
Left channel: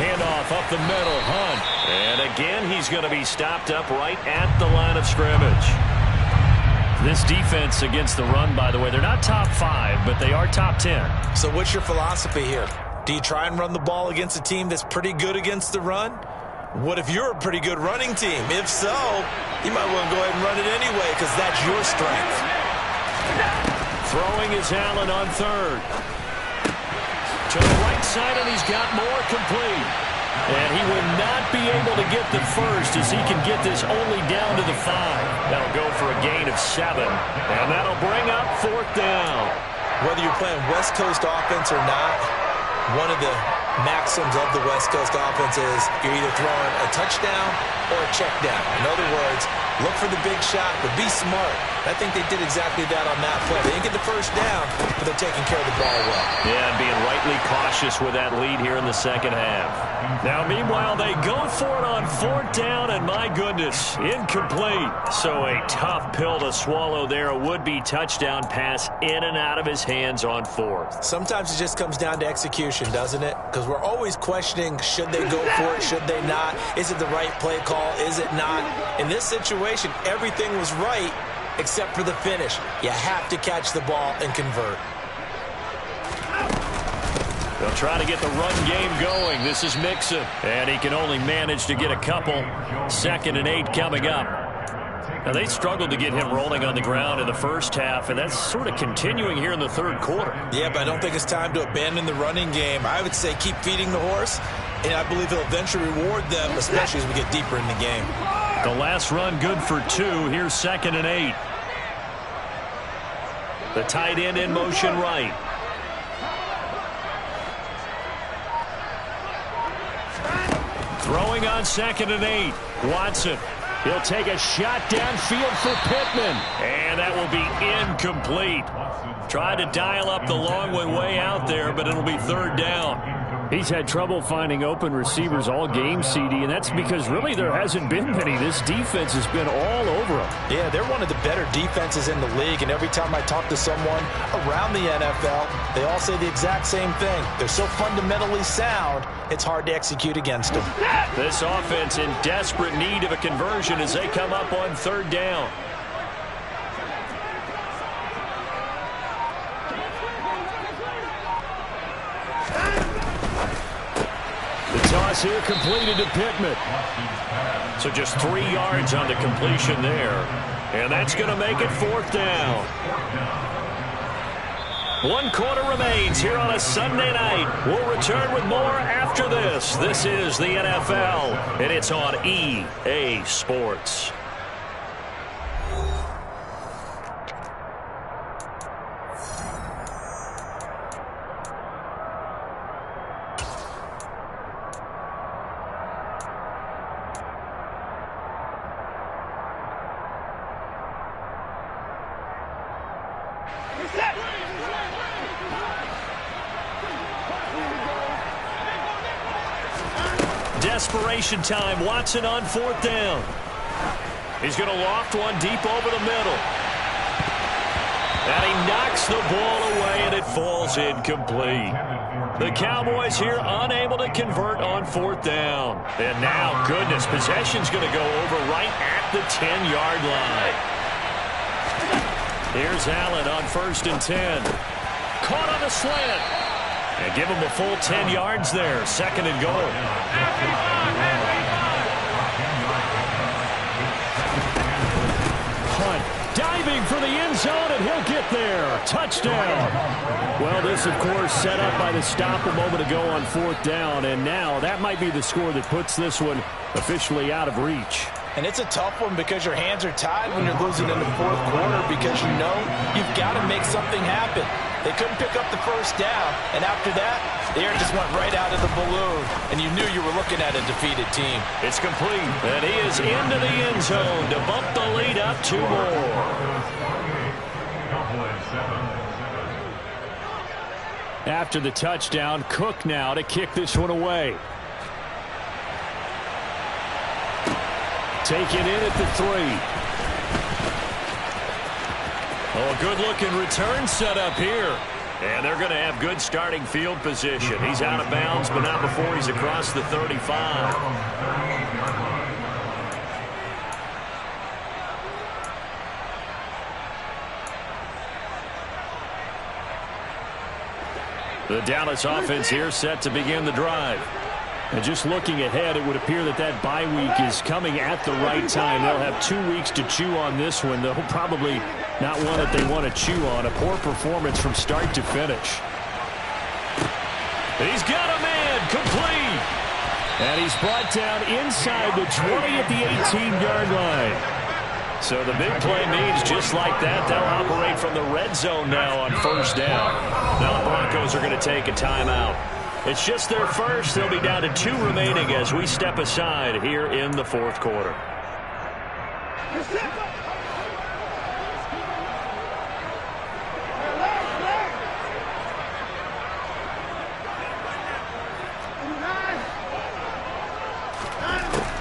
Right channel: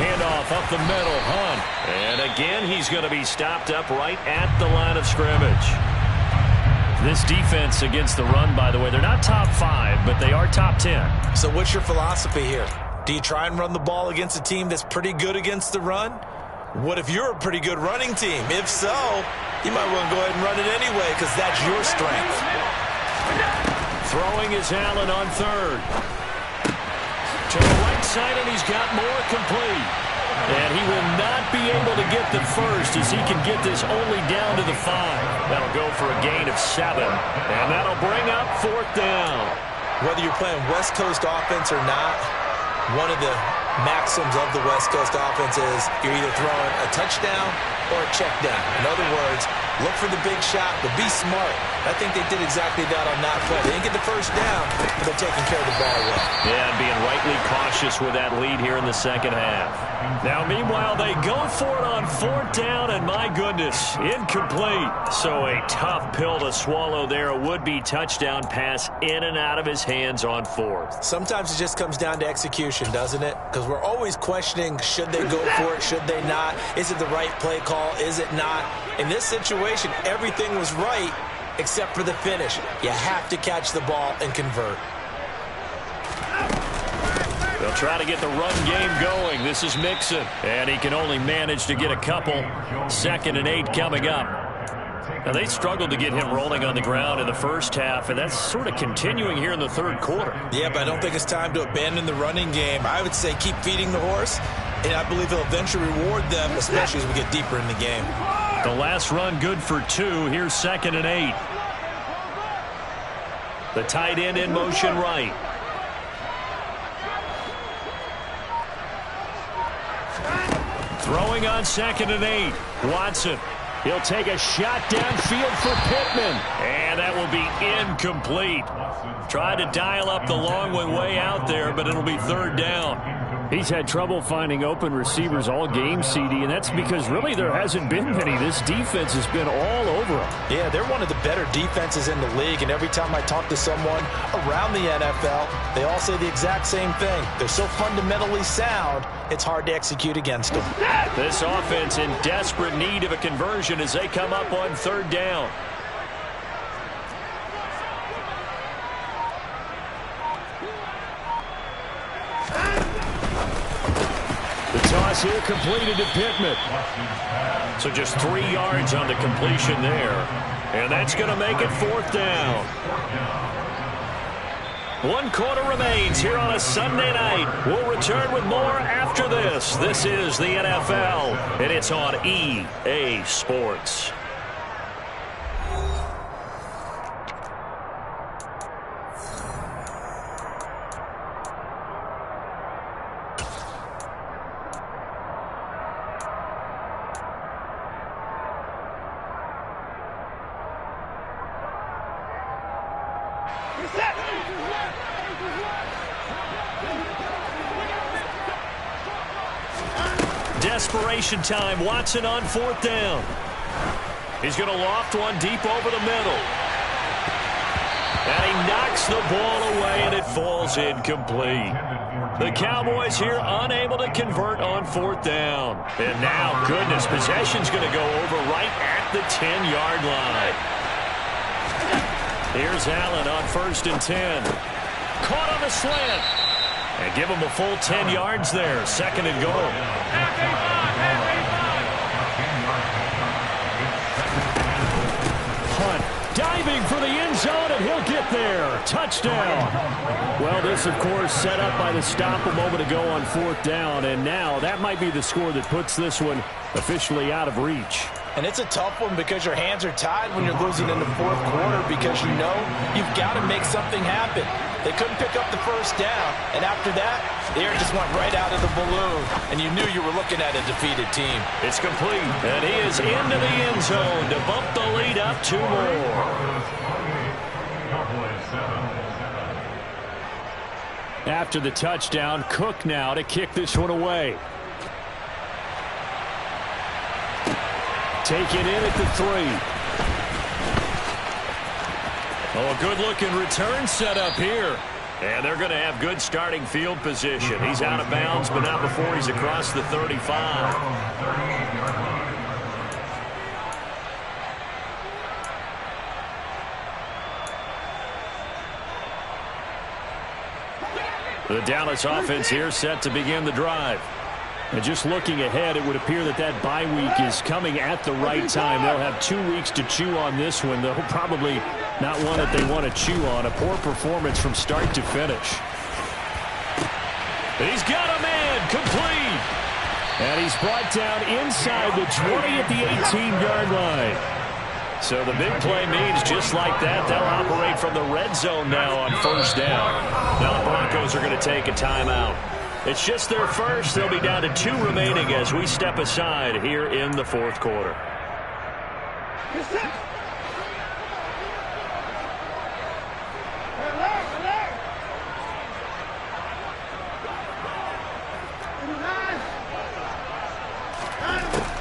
Handoff up the middle, Hunt. And again, he's going to be stopped up right at the line of scrimmage. This defense against the run, by the way, they're not top 5, but they are top 10. So what's your philosophy here? Do you try and run the ball against a team that's pretty good against the run? What if you're a pretty good running team? If so, you might want to go ahead and run it anyway because that's your strength. Throwing is Allen on 3rd. To the right side, and he's got more complete. And he will not be able to get the first as he can get this only down to the 5. That'll go for a gain of 7. And that'll bring up 4th down. Whether you're playing West Coast offense or not, one of the maxims of the West Coast offense is you're either throwing a touchdown or a check down. In other words, look for the big shot, but be smart. I think they did exactly that on that play. They didn't get the first down, but they're taking care of the ball well. Yeah, and being rightly cautious with that lead here in the second half. Now, meanwhile, they go for it on 4th down, and my goodness, incomplete. So a tough pill to swallow there. A would-be touchdown pass in and out of his hands on 4th. Sometimes it just comes down to execution, doesn't it? Because we're always questioning, should they go for it, should they not? Is it the right play call, is it not? In this situation, everything was right, except for the finish. You have to catch the ball and convert. They'll try to get the run game going. This is Mixon. And he can only manage to get a couple. 2nd and 8 coming up. Now, they struggled to get him rolling on the ground in the first half, and that's sort of continuing here in the 3rd quarter. Yeah, but I don't think it's time to abandon the running game. I would say keep feeding the horse, and I believe he'll eventually reward them, especially as we get deeper in the game. The last run good for 2. Here's 2nd and 8. The tight end in motion right. Throwing on 2nd and 8. Watson. He'll take a shot downfield for Pittman. And that will be incomplete. Tried to dial up the long way out there, but it'll be 3rd down. He's had trouble finding open receivers all game, CD, and that's because really there hasn't been many. This defense has been all over him. Yeah, they're one of the better defenses in the league, and every time I talk to someone around the NFL, they all say the exact same thing. They're so fundamentally sound, it's hard to execute against them. This offense in desperate need of a conversion as they come up on 3rd down. The toss here completed to Pittman. So just 3 yards on the completion there. And that's going to make it 4th down. 1 quarter remains here on a Sunday night. We'll return with more after this. This is the NFL, and it's on EA Sports. Desperation time. Watson on 4th down. He's going to loft one deep over the middle. And he knocks the ball away, and it falls incomplete. The Cowboys here unable to convert on 4th down. And now, goodness, possession's going to go over right at the 10-yard line. Here's Allen on 1st and 10. Caught on the slant. And give him a full 10 yards there. 2nd and goal. Hunt diving for the end zone, and he'll get there. Touchdown. Well, this, of course, set up by the stop a moment ago on 4th down, and now that might be the score that puts this one officially out of reach. And it's a tough one because your hands are tied when you're losing in the 4th quarter because you know you've got to make something happen. They couldn't pick up the 1st down, and after that, the air just went right out of the balloon, and you knew you were looking at a defeated team. It's complete, and he is into the end zone to bump the lead up 2 more. After the touchdown, Cook now to kick this one away. Taken in at the 3. Oh, a good-looking return set up here. And they're going to have good starting field position. He's out of bounds, but not before he's across the 35. The Dallas offense here set to begin the drive. And just looking ahead, it would appear that that bye week is coming at the right time. They'll have 2 weeks to chew on this one, though probably not one that they want to chew on. A poor performance from start to finish. He's got a man, complete. And he's brought down inside the 20 at the 18-yard line. So the big play means just like that, they'll operate from the red zone now on 1st down. Now the Broncos are going to take a timeout. It's just their first. They'll be down to 2 remaining as we step aside here in the 4th quarter.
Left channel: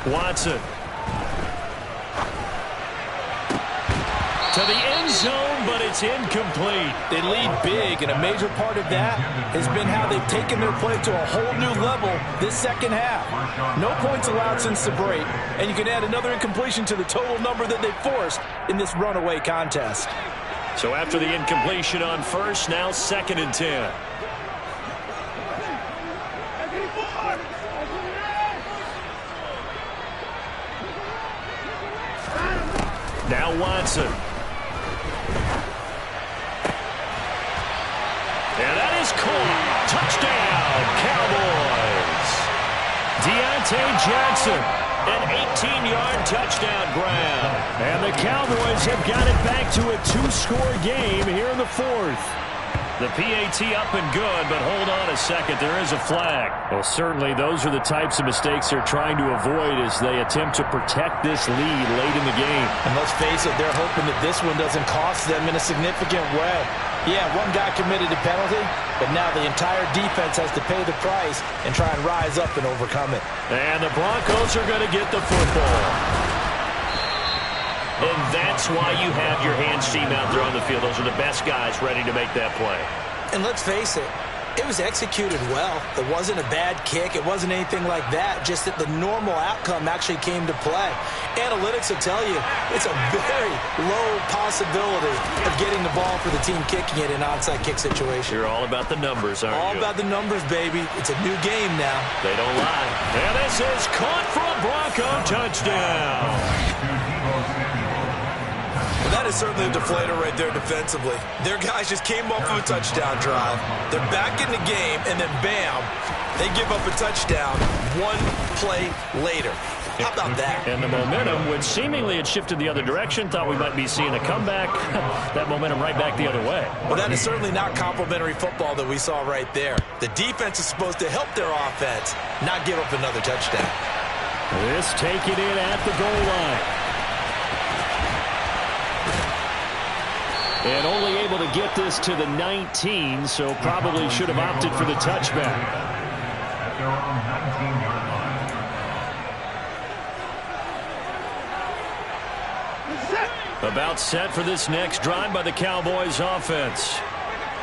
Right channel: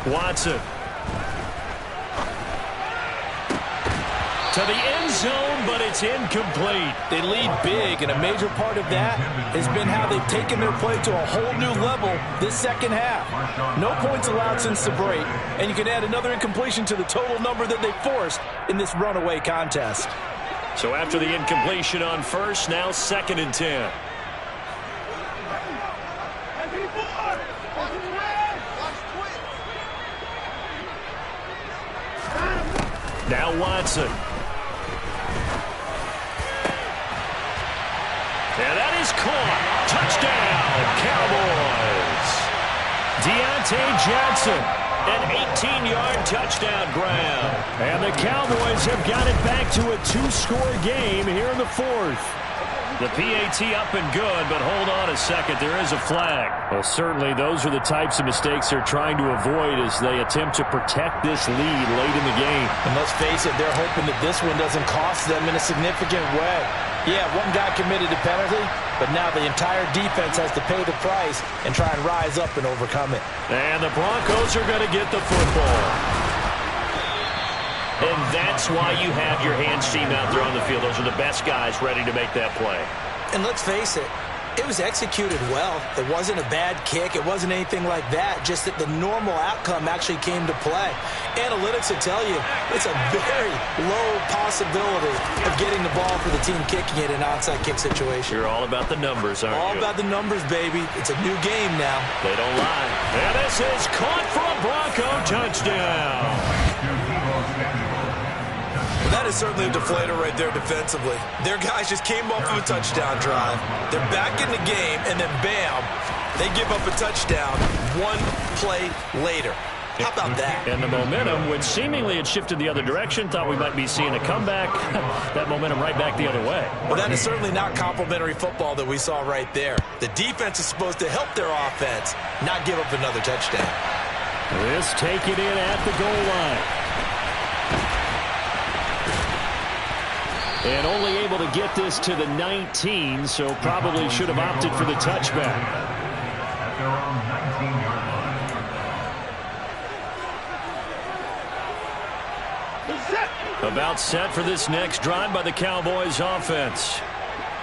Watson. To the end zone, but it's incomplete. They lead big, and a major part of that has been how they've taken their play to a whole new level this 2nd half. No points allowed since the break, and you can add another incompletion to the total number that they forced in this runaway contest. So after the incompletion on 1st, now 2nd and 10. Now Watson. And that is caught. Touchdown, Cowboys. Deontay Johnson, an 18-yard touchdown grab. And the Cowboys have got it back to a 2-score game here in the 4th. The PAT up and good, but hold on a second. There is a flag. Well, certainly those are the types of mistakes they're trying to avoid as they attempt to protect this lead late in the game. And let's face it, they're hoping that this one doesn't cost them in a significant way. Yeah, one guy committed a penalty, but now the entire defense has to pay the price and try and rise up and overcome it. And the Broncos are going to get the football. And that's why you have your hands team out there on the field. Those are the best guys ready to make that play. And let's face it, it was executed well. It wasn't a bad kick. It wasn't anything like that. Just that the normal outcome actually came to play. Analytics will tell you it's a very low possibility of getting the ball for the team kicking it in an onside kick situation. You're all about the numbers, aren't you? All about the numbers, baby. It's a new game now. They don't lie. And this is caught for a Bronco touchdown. Well, that is certainly a deflator right there defensively. Their guys just came off of a touchdown drive. They're back in the game, and then bam, they give up a touchdown 1 play later. How about that? And the momentum, which seemingly had shifted the other direction, thought we might be seeing a comeback. That momentum right back the other way. Well, that is certainly not complimentary football that we saw right there. The defense is supposed to help their offense, not give up another touchdown. This taken in at the goal line. And only able to get this to the 19, so probably should have opted for the touchback. At their own 19-yard line. About set for this next drive by the Cowboys offense.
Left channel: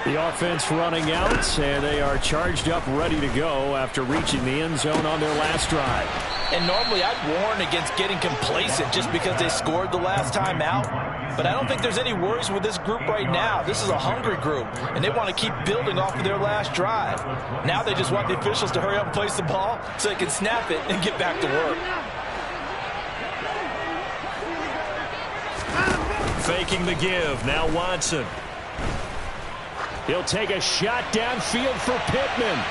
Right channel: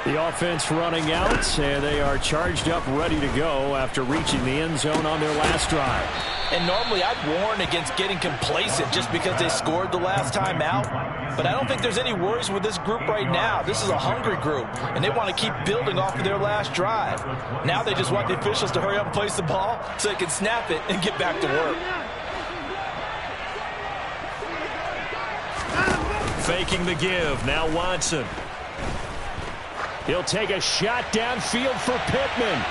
The offense running out, and they are charged up, ready to go after reaching the end zone on their last drive. And normally I'd warn against getting complacent just because they scored the last time out. But I don't think there's any worries with this group right now. This is a hungry group, and they want to keep building off of their last drive. Now they just want the officials to hurry up and place the ball so they can snap it and get back to work. Faking the give. Now Watson. He'll take a shot downfield for Pittman.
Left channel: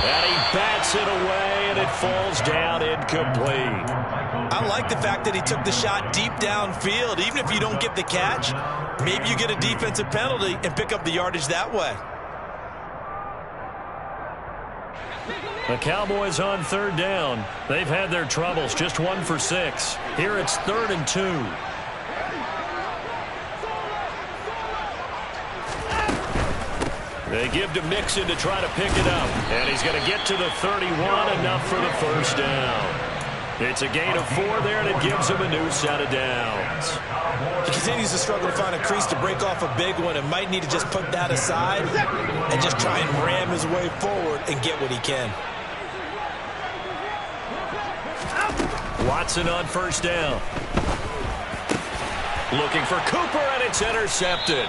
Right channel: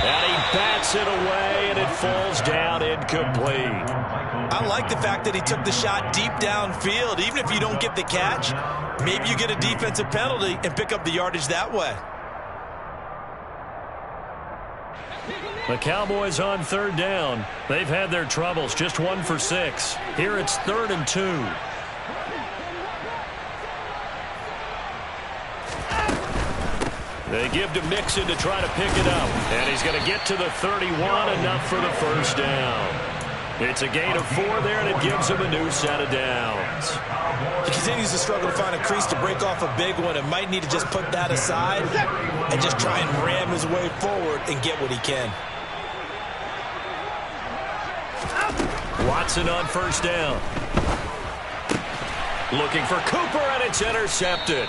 And he bats it away, and it falls down incomplete. I like the fact that he took the shot deep downfield. Even if you don't get the catch, maybe you get a defensive penalty and pick up the yardage that way. The Cowboys on third down. They've had their troubles, just 1 for 6. Here it's 3rd and 2. They give to Mixon to try to pick it up. And he's going to get to the 31, enough for the first down. It's a gain of 4 there, and it gives him a new set of downs. He continues to struggle to find a crease to break off a big one and might need to just put that aside and just try and ram his way forward and get what he can. Watson on first down. Looking for Cooper, and it's intercepted.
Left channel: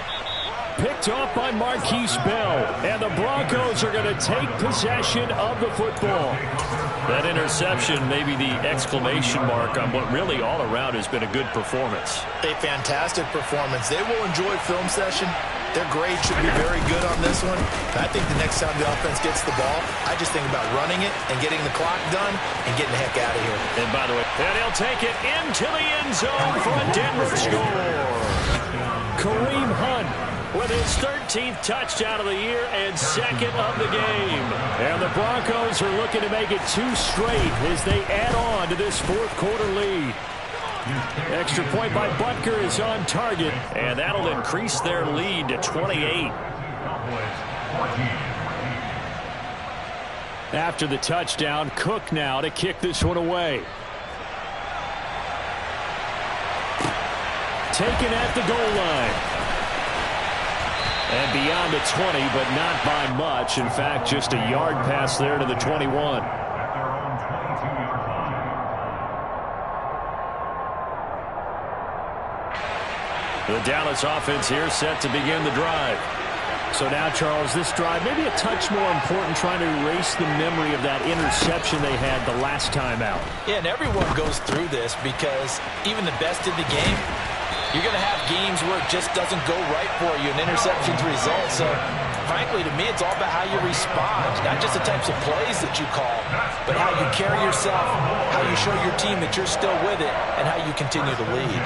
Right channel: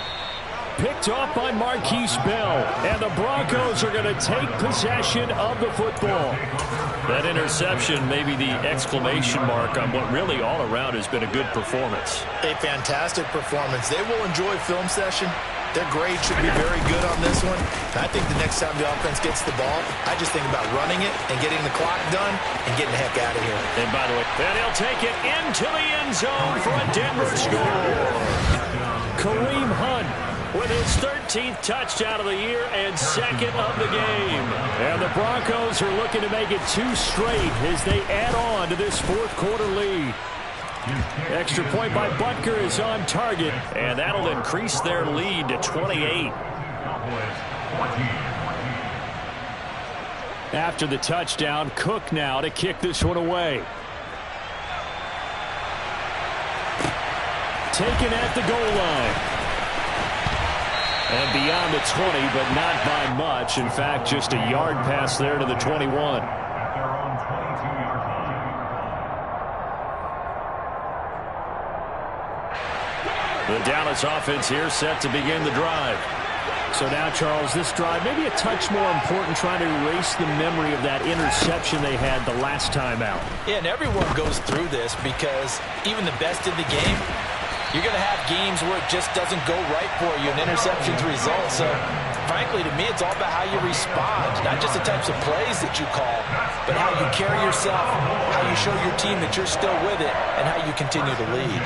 Picked off by Marquise Bell, and the Broncos are going to take possession of the football. That interception may be the exclamation mark on what really all around has been a good performance. A fantastic performance. They will enjoy film session. Their grade should be very good on this one. I think the next time the offense gets the ball, I just think about running it and getting the clock done and getting the heck out of here. And by the way, and he'll take it into the end zone for a Denver score. Kareem Hunt with his 13th touchdown of the year and 2nd of the game. And the Broncos are looking to make it 2 straight as they add on to this 4th quarter lead. Extra point by Butker is on target, and that'll increase their lead to 28. After the touchdown, Cook now to kick this one away. Taken at the goal line. And beyond the 20, but not by much. In fact, just a yard pass there to the 21. The Dallas offense here set to begin the drive. So now, Charles, this drive maybe a touch more important, trying to erase the memory of that interception they had the last time out. Yeah, and everyone goes through this because even the best in the game, you're going to have games where it just doesn't go right for you, and interceptions result. So, frankly, to me, it's all about how you respond, not just the types of plays that you call, but how you carry yourself, how you show your team that you're still with it, and how you continue to lead.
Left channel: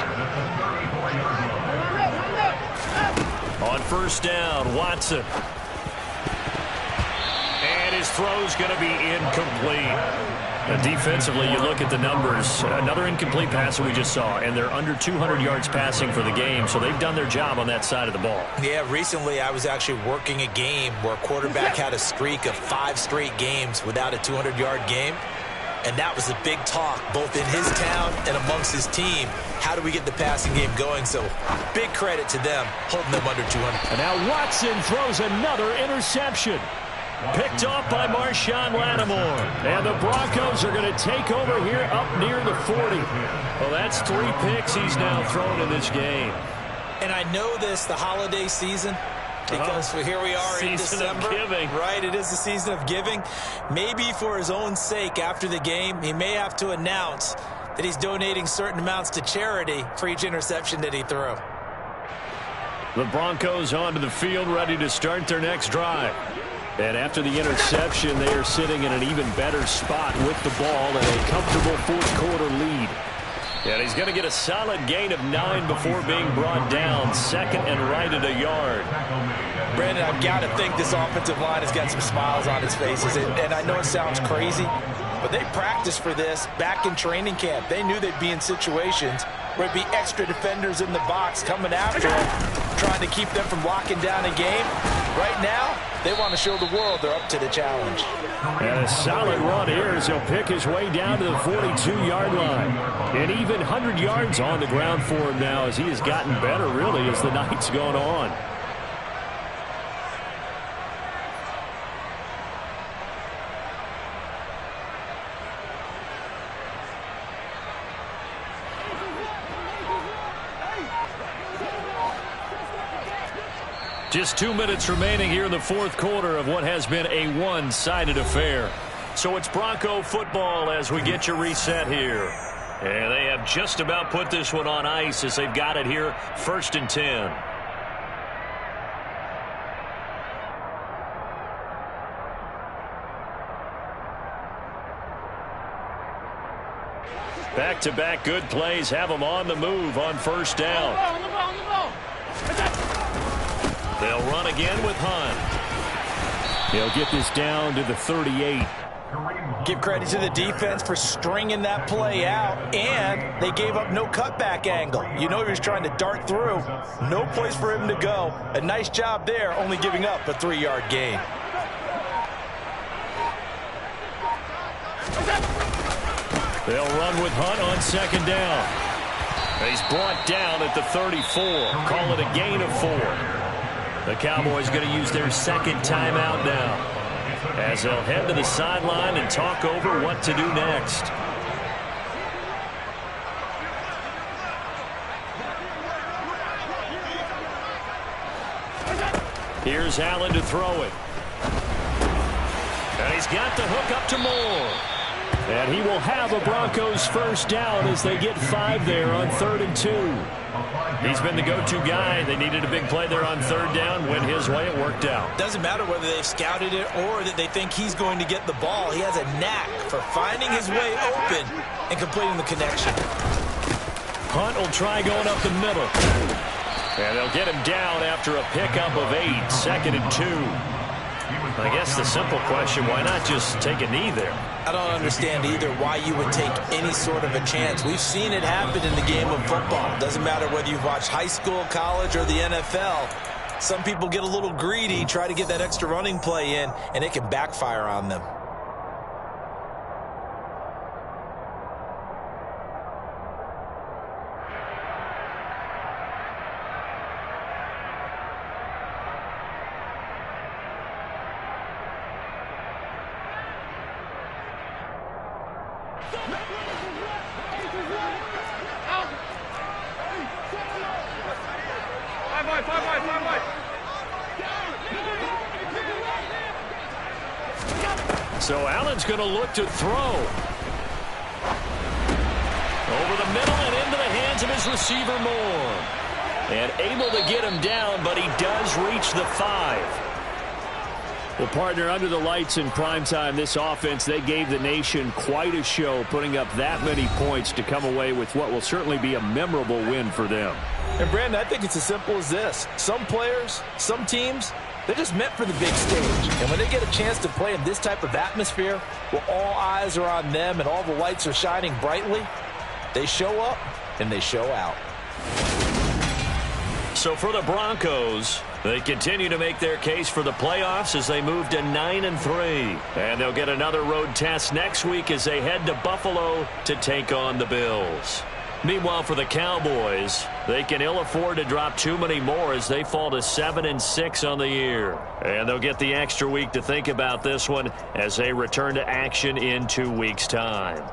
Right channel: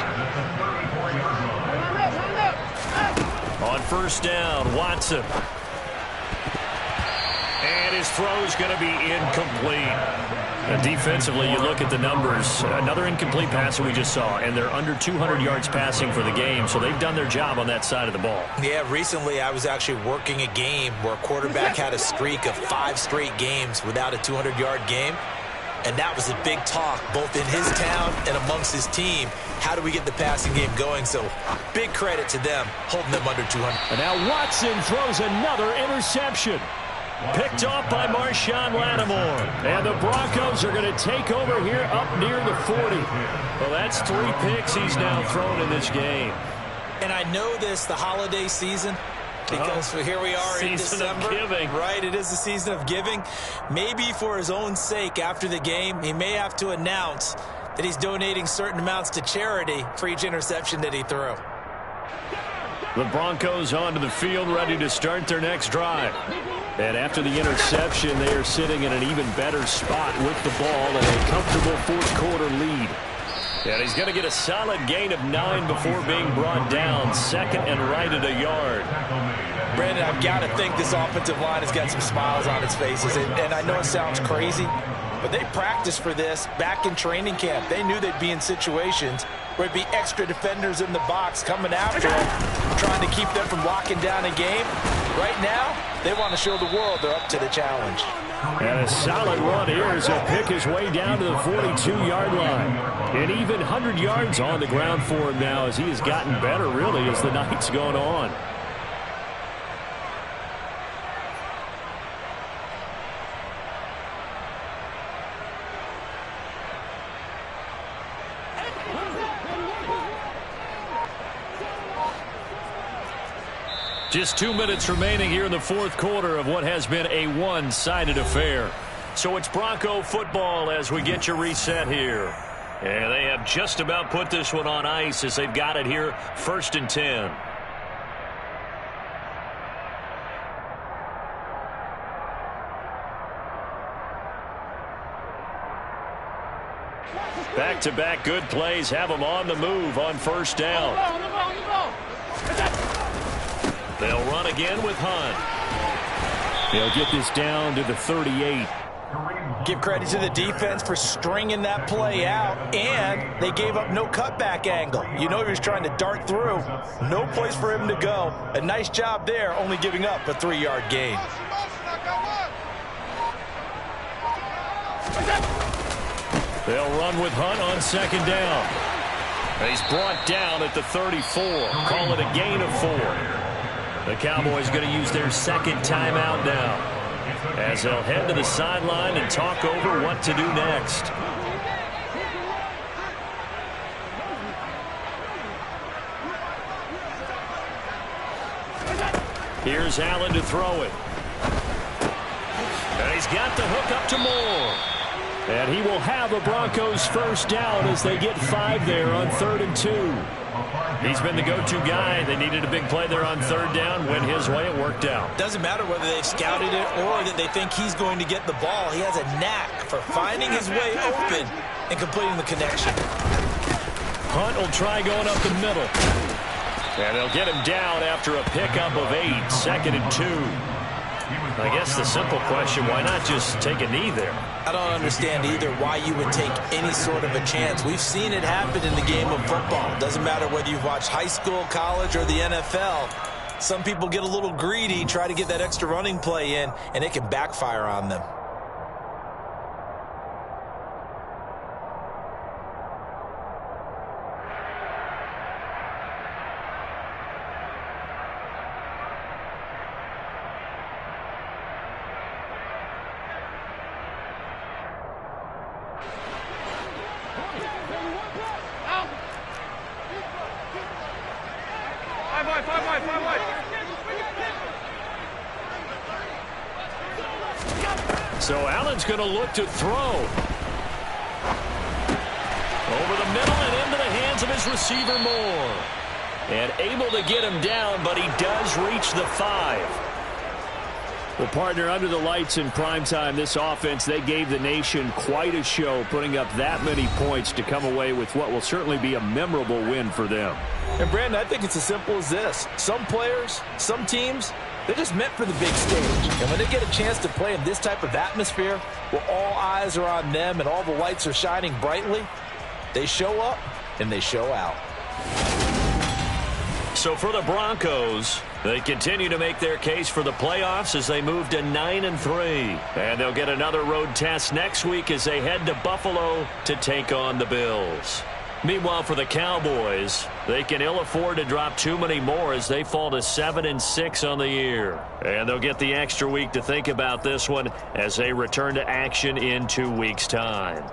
On first down, Watson. And his throw's going to be incomplete. And defensively, you look at the numbers. Another incomplete pass that we just saw, and they're under 200 yards passing for the game, so they've done their job on that side of the ball. Yeah, recently I was actually working a game where a quarterback had a streak of 5 straight games without a 200-yard game. And that was a big talk, both in his town and amongst his team. How do we get the passing game going? So big credit to them, holding them under 200. And now Watson throws another interception. Picked off by Marshawn Lattimore. And the Broncos are going to take over here up near the 40. Well, that's 3 picks he's now thrown in this game. And I know this, the holiday season, because here we are in December. Season of giving. Right, it is the season of giving. Maybe for his own sake after the game, he may have to announce that he's donating certain amounts to charity for each interception that he threw. The Broncos onto the field, ready to start their next drive. And after the interception, they are sitting in an even better spot with the ball and a comfortable 4th quarter lead. And he's going to get a solid gain of 9 before being brought down. 2nd and right at a yard. Brandon, I've got to think this offensive line has got some smiles on its faces. And I know it sounds crazy, but they practiced for this back in training camp. They knew they'd be in situations where it'd be extra defenders in the box coming after them, trying to keep them from locking down a game. Right now, they want to show the world they're up to the challenge. And a solid run here as he'll pick his way down to the 42-yard line. And even 100 yards on the ground for him now as he has gotten better, really, as the night's gone on. Just 2 minutes remaining here in the fourth quarter of what has been a one-sided affair. So it's Bronco football as we get you reset here. And they have just about put this one on ice as they've got it here, 1st and 10. Back-to-back good plays have them on the move on 1st down. They'll run again with Hunt. They'll get this down to the 38. Give credit to the defense for stringing that play out, and they gave up no cutback angle. You know he was trying to dart through. No place for him to go. A nice job there, only giving up a 3-yard gain. They'll run with Hunt on 2nd down. He's brought down at the 34. Call it a gain of 4. The Cowboys going to use their 2nd timeout now as they'll head to the sideline and talk over what to do next. Here's Allen to throw it. And he's got the hook up to Moore. And he will have a Broncos 1st down as they get 5 there on 3rd and 2. He's been the go-to guy. They needed a big play there on 3rd down. Went his way. It worked out. Doesn't matter whether they've scouted it or that they think he's going to get the ball. He has a knack for finding his way open and completing the connection. Hunt will try going up the middle. And they'll get him down after a pickup of 8. 2nd and 2. I guess the simple question, why not just take a knee there? I don't understand either why you would take any sort of a chance. We've seen it happen in the game of football. Doesn't matter whether you've watched high school, college, or the NFL. Some people get a little greedy, try to get that extra running play in, and it can backfire on them. So Allen's going to look to throw. Over the middle and into the hands of his receiver Moore. And able to get him down, but he does reach the 5. Well, partner, under the lights in primetime, this offense, they gave the nation quite a show, putting up that many points to come away with what will certainly be a memorable win for them. And, Brandon, I think it's as simple as this. Some players, some teams, they're just meant for the big stage. And when they get a chance to play in this type of atmosphere, where all eyes are on them and all the lights are shining brightly, they show up and they show out. So for the Broncos, they continue to make their case for the playoffs as they move to 9-3. And they'll get another road test next week as they head to Buffalo to take on the Bills. Meanwhile, for the Cowboys, they can ill afford to drop too many more as they fall to 7-6 on the year. And they'll get the extra week to think about this one as they return to action in 2 weeks' time.